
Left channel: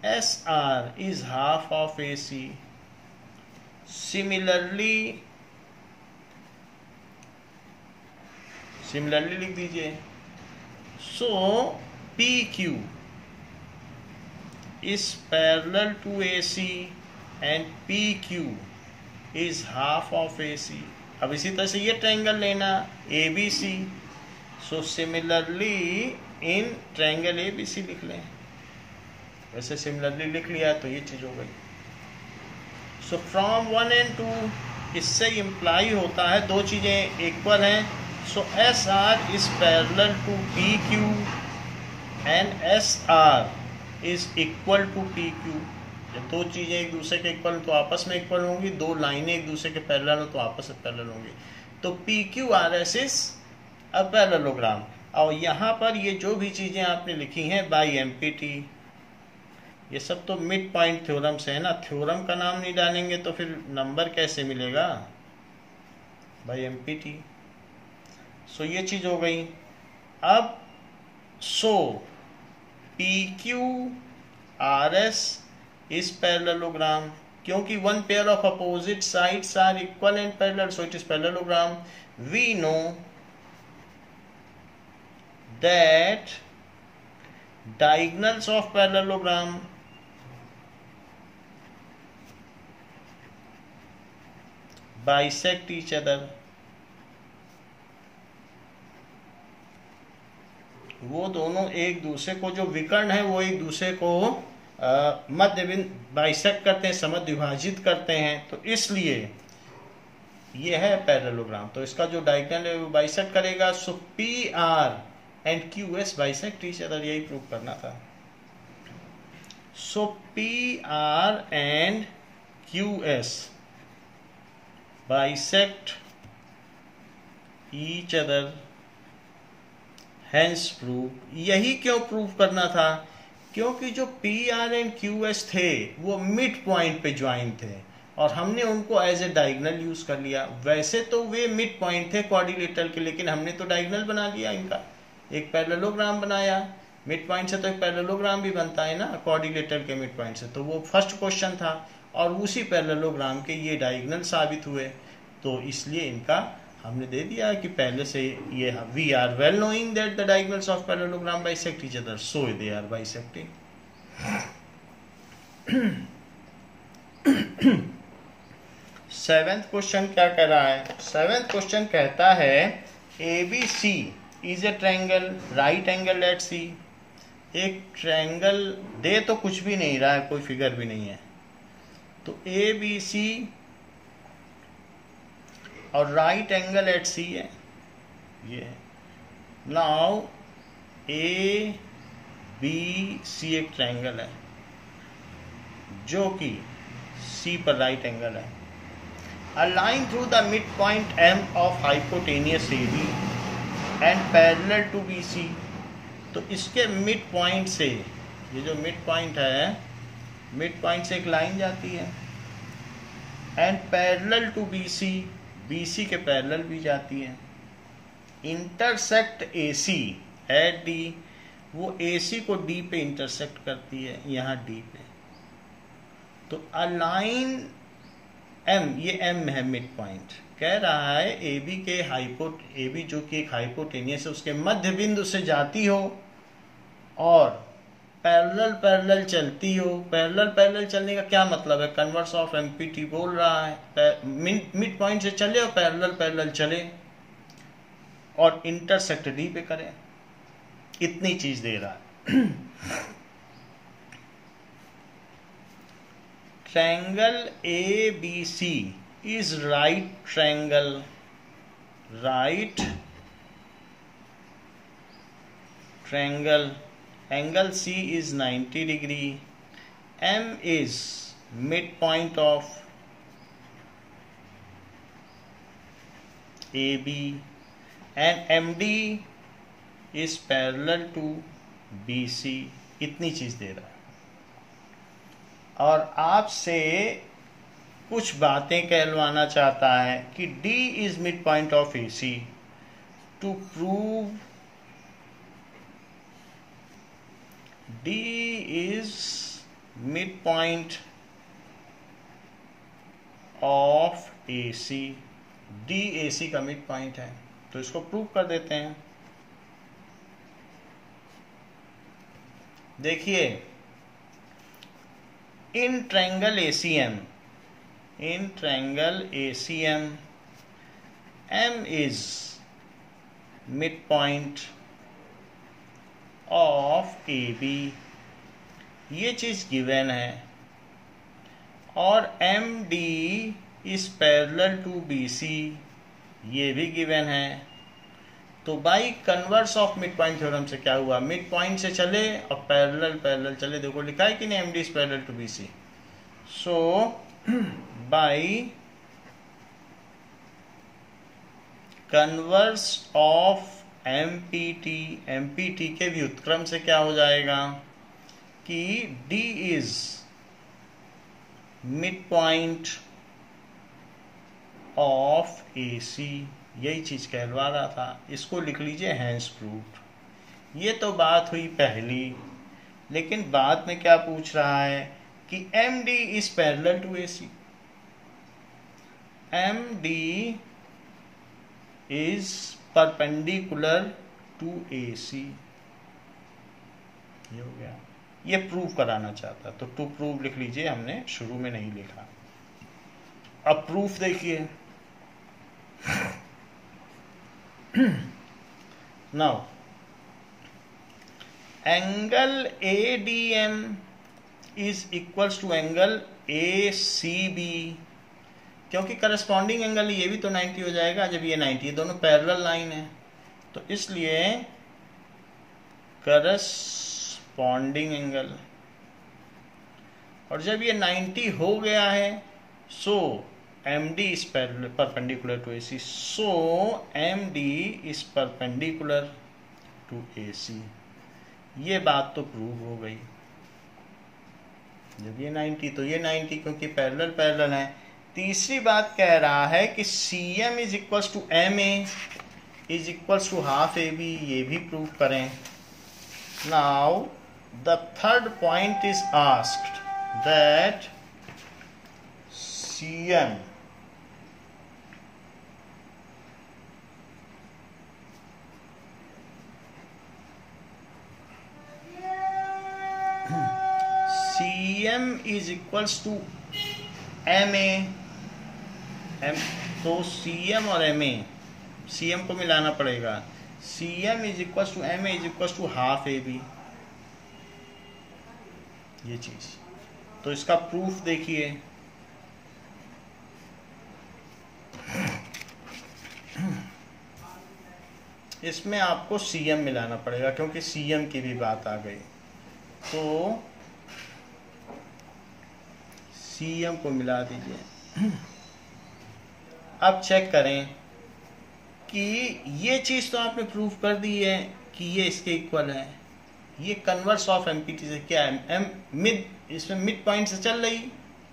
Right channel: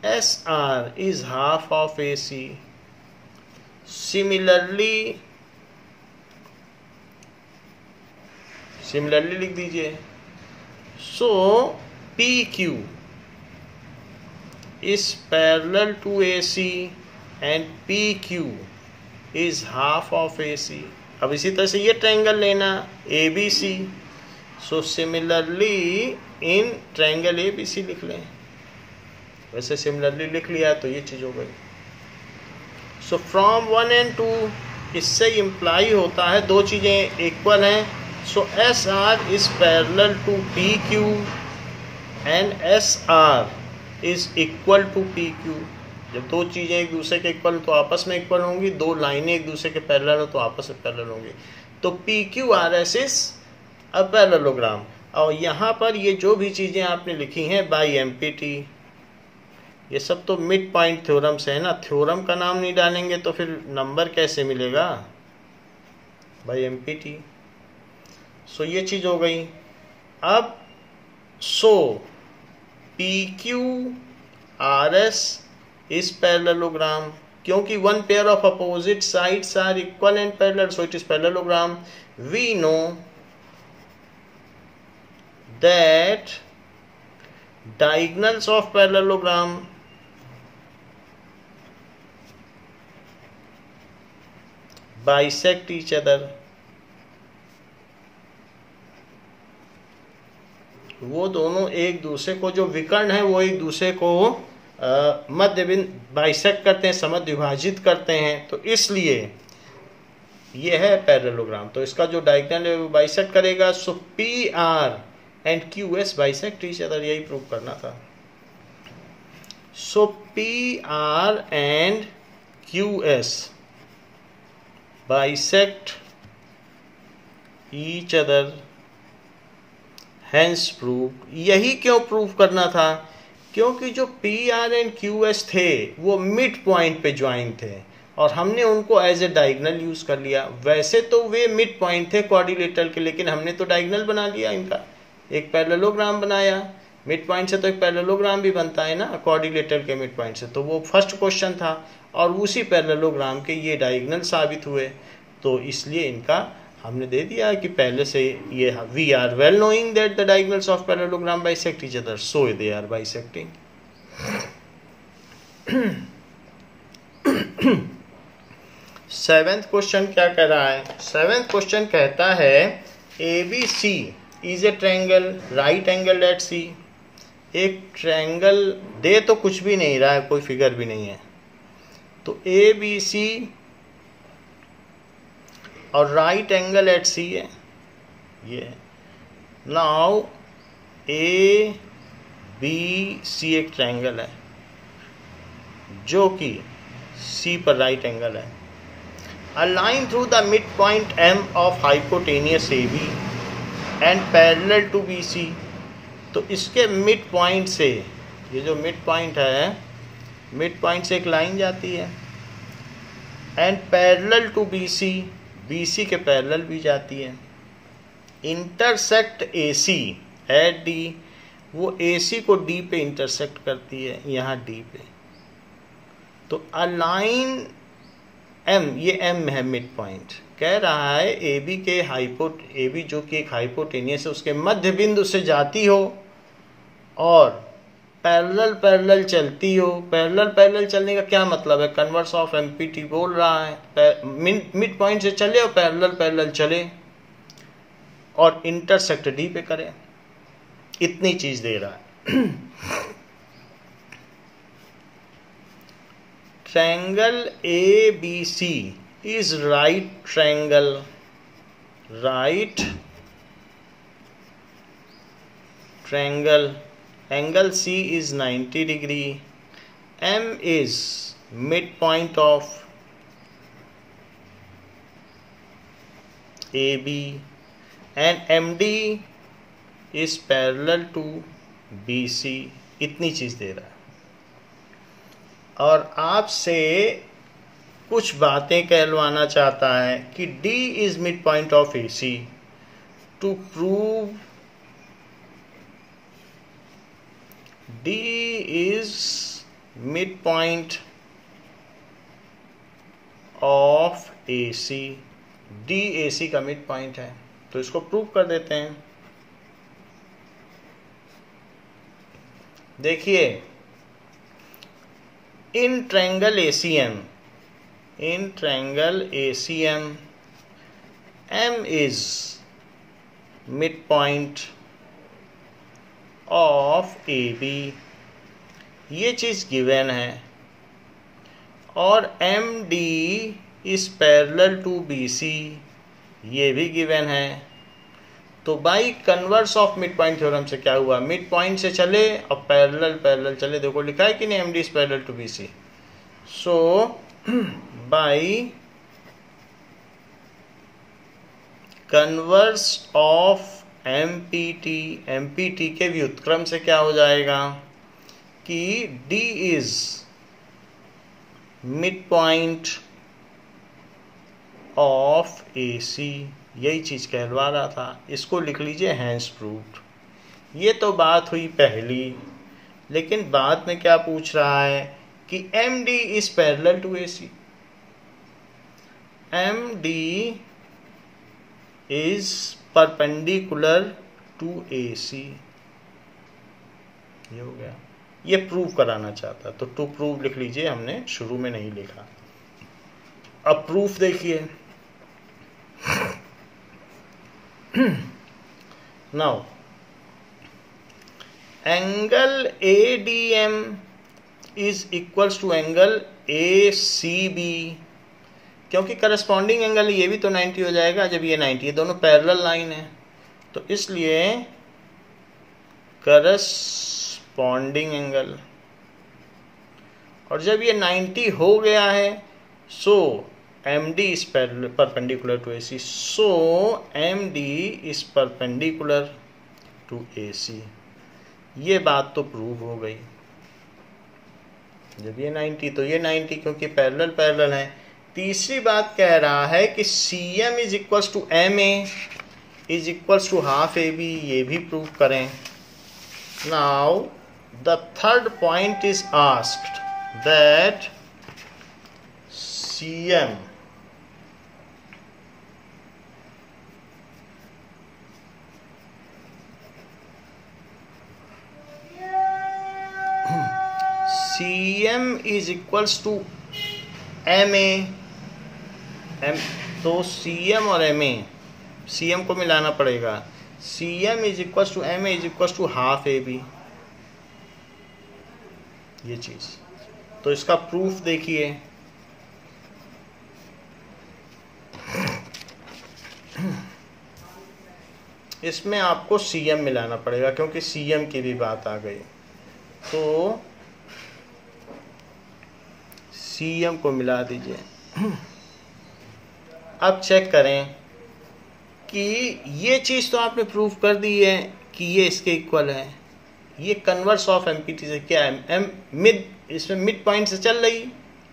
SR is half of AC. Similarly लिख दीजिए। So PQ is parallel to AC and PQ is half of AC। अब इसी तरह से ये ट्रायंगल लेना ABC, so similarly in triangle ABC लिख लें। वैसे सिमिलरली लिख लिया तो ये चीज हो गई। सो फ्रॉम 1 and 2, इससे इम्प्लाई होता है दो चीजें इक्वल हैं। सो SR is parallel to PQ and SR is equal to PQ। जब दो चीजें एक दूसरे के इक्वल तो आपस में इक्वल होंगी, दो लाइनें एक दूसरे के पैरेलल हो तो आपस में पैरेलल होंगी। तो PQRS इज अ पैरेललोग्राम। और यहाँ पर ये जो भी चीजें आपने लिखी हैं बाई MPT, ये सब तो मिड पॉइंट थ्योरम से है ना। थ्योरम का नाम नहीं डालेंगे तो फिर नंबर कैसे मिलेगा? By MPT। सो ये चीज हो गई। अब सो PQRS is parallelogram, क्योंकि one pair of opposite sides are equal and parallel, so it is parallelogram. We know that diagonals of parallelogram bisect each other। वो दोनों एक दूसरे को, जो विकर्ण है वो एक दूसरे को मध्य बिंदु बाइसेक्ट करते हैं, समद्विभाजित विभाजित करते हैं। तो इसलिए ये है पैरेललोग्राम। तो इसका जो डायगोनल है वो बाइसेक्ट करेगा। सो PR and QS bisect each other, यही प्रूव करना था। सो PR and QS bisect each other, hence prove. यही क्यों प्रूव करना था? क्योंकि जो PR एंड QS थे वो मिड पॉइंट पे ज्वाइन थे और हमने उनको एज ए डायगोनल यूज कर लिया। वैसे तो वे मिड पॉइंट थे क्वाड्रिलेटरल के, लेकिन हमने तो डायगोनल बना लिया इनका, एक पैरेललोग्राम बनाया। मिड पॉइंट से तो एक पैरेललोग्राम भी बनता है ना क्वाड्रिलेटरल के मिड पॉइंट से। तो वो फर्स्ट क्वेश्चन था और उसी पैरेललोग्राम के ये डायगोनल साबित हुए। तो इसलिए इनका हमने दे दिया है कि पहले से ये we are well knowing that the diagonals of parallelogram bisect each other, so they are bisecting. Seventh question क्या कह रहा है? सेवेंथ क्वेश्चन कहता है ABC is a triangle right angle at C। एक ट्रायंगल दे तो कुछ भी नहीं रहा है, कोई फिगर भी नहीं है। तो ABC और राइट एंगल एट सी है, ये है। नाउ ए बी सी एक ट्रायंगल है जो कि सी पर राइट एंगल है। A line through the midpoint M of hypotenuse AB and parallel to BC। तो इसके मिड पॉइंट से, ये जो मिड पॉइंट है, मिड पॉइंट से एक लाइन जाती है and parallel to BC, BC के पैरेलल भी जाती है। इंटरसेक्ट AC एट D, वो AC को D पे इंटरसेक्ट करती है, यहाँ D पे। तो अ लाइन M, ये M है मिड पॉइंट, कह रहा है AB के AB जो कि एक हाइपोटेनियस है, उसके मध्य बिंदु से जाती हो और पैरेलल पैरेलल चलती हो। पैरेलल पैरेलल चलने का क्या मतलब है? कन्वर्स ऑफ MPT बोल रहा है, मिड पॉइंट से चले और पैरेलल पैरेलल चले और इंटरसेक्ट D पे करें, इतनी चीज दे रहा है। Triangle ABC is right triangle, right triangle, angle C is 90 degree, M is midpoint of AB and MD is parallel to BC, इतनी चीज दे रहा है। और आपसे कुछ बातें कहलवाना चाहता है कि D is midpoint of AC। To prove D is midpoint of AC, D AC का मिड पॉइंट है, तो इसको प्रूव कर देते हैं। देखिए, in triangle ACM, M is midpoint of AB, ये चीज गिवन है, और MD is parallel to BC, ये भी गिवन है। तो by converse of mid point theorem से क्या हुआ? मिड पॉइंट से चले और पैरेलल पैरेलल चले। देखो लिखा है कि नहीं, MD is parallel to BC। So by converse of MPT के व्युत्क्रम से क्या हो जाएगा कि D is mid point of AC, यही चीज कहलवा रहा था। इसको लिख लीजिए हैंस प्रूव्ड। ये तो बात हुई पहली, लेकिन बाद में क्या पूछ रहा है कि MD is parallel to AC, MD is perpendicular to AC। ये हो गया, ये प्रूव कराना चाहता, तो टू प्रूव लिख लीजिए, हमने शुरू में नहीं लिखा। अब प्रूफ देखिए। Now, angle ADM is equals to angle ACB, क्योंकि करस्पॉन्डिंग एंगल ये भी तो 90 हो जाएगा जब ये 90 है, दोनों पैरेलल लाइन है, तो इसलिए करस्पॉन्डिंग एंगल, और जब ये 90 हो गया है, सो MD is perpendicular to AC, so MD is perpendicular to AC। ये बात तो प्रूव हो गई। जब ये 90 तो ये 90, क्योंकि पैरेलल पैरेलल है। तीसरी बात कह रहा है कि CM is equals to MA is equals to half AB, ये भी प्रूव करें। Now the third point is asked that CM is equals to MA, तो CM और MA, CM को मिलाना पड़ेगा। CM is equals to MA is equals to half AB, ये चीज। तो इसका प्रूफ देखिए। इसमें आपको CM मिलाना पड़ेगा क्योंकि CM की भी बात आ गई। तो CM को मिला दीजिए। अब चेक करें कि ये चीज़ तो आपने प्रूव कर दी है कि ये इसके इक्वल है। ये कन्वर्स ऑफ MPT से क्या है, मिड, इसमें मिड पॉइंट से चल रही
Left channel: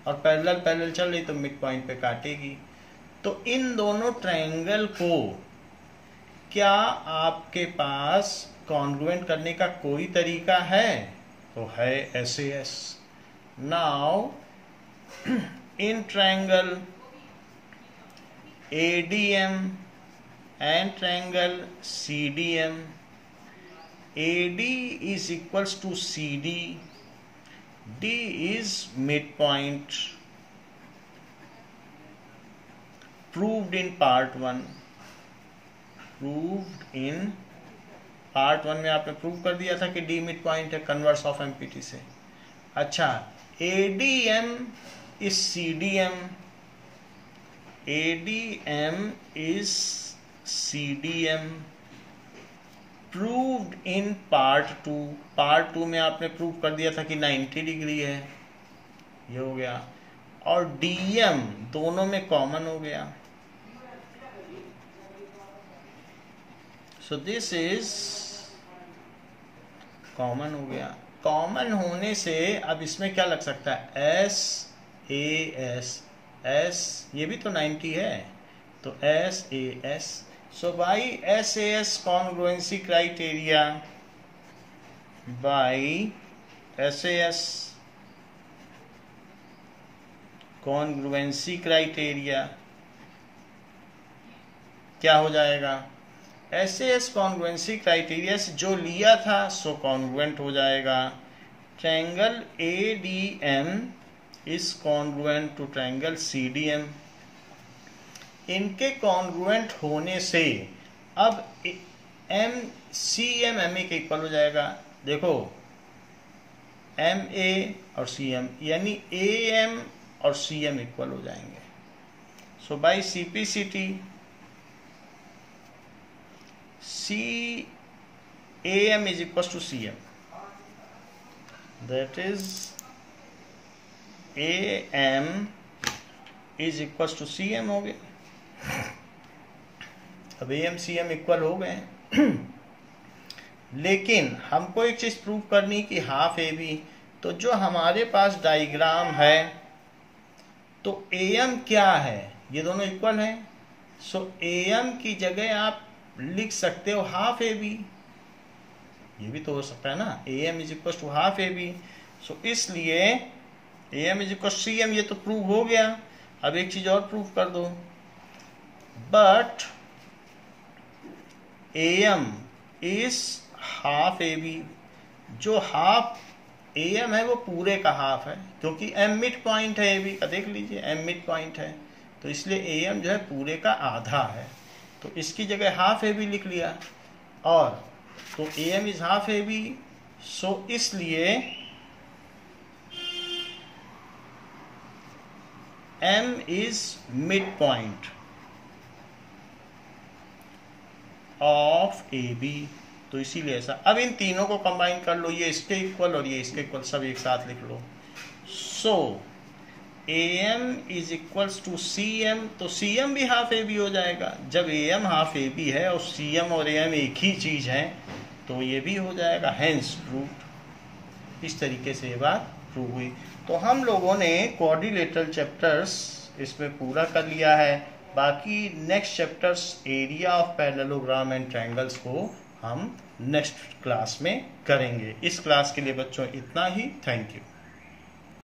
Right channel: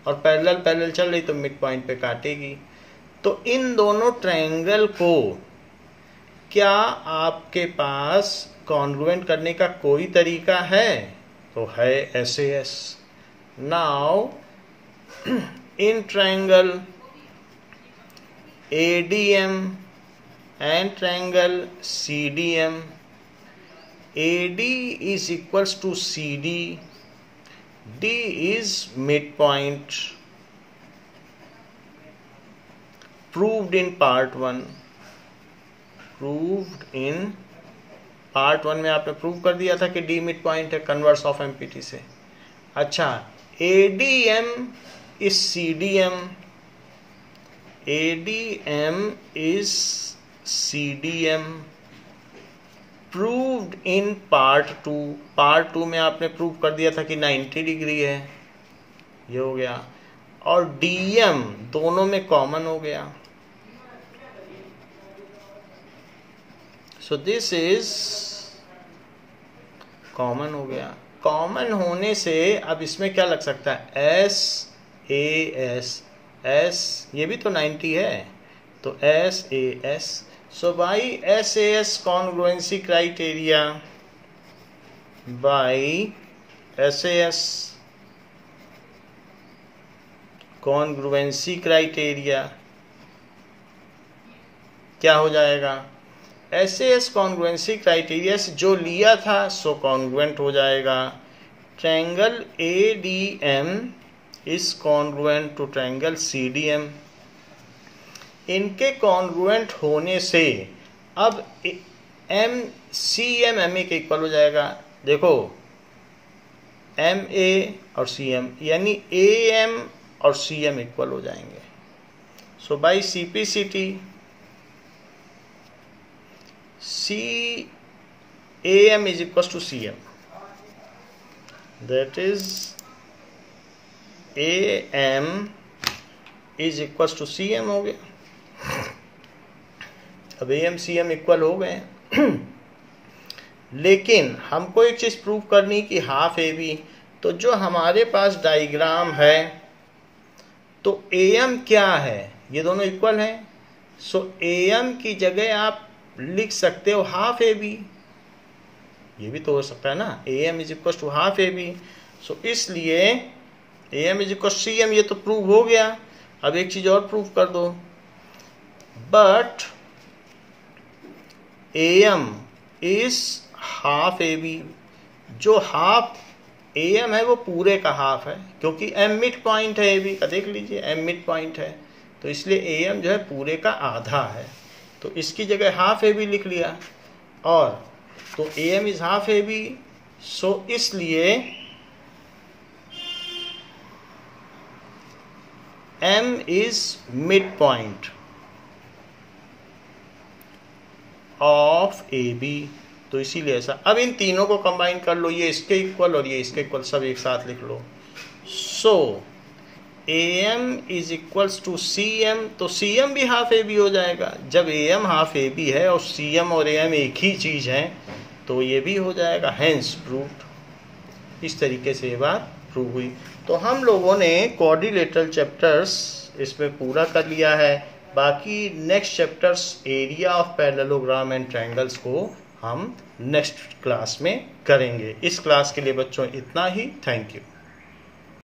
और पैरेलल चल रही तो मिड पॉइंट पे काटेगी। तो इन दोनों ट्रायंगल को क्या आपके पास कॉन्ग्रुएंट करने का कोई तरीका है? तो है SAS। Now in triangle ADM and triangle CDM, AD is equals to CD, D is midpoint, proved in part 1। में आपने प्रूव कर दिया था कि D मिड पॉइंट है कन्वर्स ऑफ MPT से। अच्छा, ADM is CDM, ADM is CDM, proved in part 2। Part 2 में आपने प्रूव कर दिया था कि 90 डिग्री है, ये हो गया। और DM दोनों में कॉमन हो गया। सो दिस इज कॉमन हो गया। कॉमन होने से अब इसमें क्या लग सकता है, SAS, S ये भी तो 90 है तो SAS। So by SAS congruency criteria, by SAS congruency criteria क्या हो जाएगा, SAS कॉन्ग्रुएंसी क्राइटेरिया से जो लिया था सो कॉन्ग्रुएंट हो जाएगा। Triangle ADM is congruent to triangle CDM। इनके कॉन्ग्रुएंट होने से अब CM MA के इक्वल हो जाएगा। देखो MA और CM यानी AM और CM इक्वल हो जाएंगे। So by CPCT AM is equals to CM, that is AM is equals to CM हो गया। अब AM CM इक्वल हो गए लेकिन हमको एक चीज प्रूव करनी कि हाफ AB, तो जो हमारे पास डायग्राम है तो AM क्या है, ये दोनों इक्वल हैं। सो AM की जगह आप लिख सकते हो हाफ AB, ये भी तो हो सकता है ना, AM is equal to half AB। So इसलिए AM इज इक्वल CM, ये तो प्रूव हो गया। अब एक चीज और प्रूव कर दो, but AM is half AB। जो हाफ AM है वो पूरे का हाफ है क्योंकि M मिड पॉइंट है AB का, देख लीजिए M मिड पॉइंट है तो इसलिए AM जो है पूरे का आधा है। तो इसकी जगह हाफ AB लिख लिया और तो AM is half AB। So इसलिए M is mid point of AB। तो इसीलिए ऐसा। अब इन तीनों को कंबाइन कर लो, ये इसके इक्वल और ये इसके इक्वल, सब एक साथ लिख लो। So AM is equals to CM, तो CM भी हाफ AB हो जाएगा। जब AM हाफ AB है और CM और AM एक ही चीज है तो ये भी हो जाएगा, हेंस प्रूव्ड। इस तरीके से ये बात प्रूव हुई। तो हम लोगों ने क्वाड्रिलेटरल चैप्टर्स इसमें पूरा कर लिया है। बाकी next chapters area of parallelogram and triangles को हम नेक्स्ट क्लास में करेंगे। इस क्लास के लिए बच्चों इतना ही। Thank you.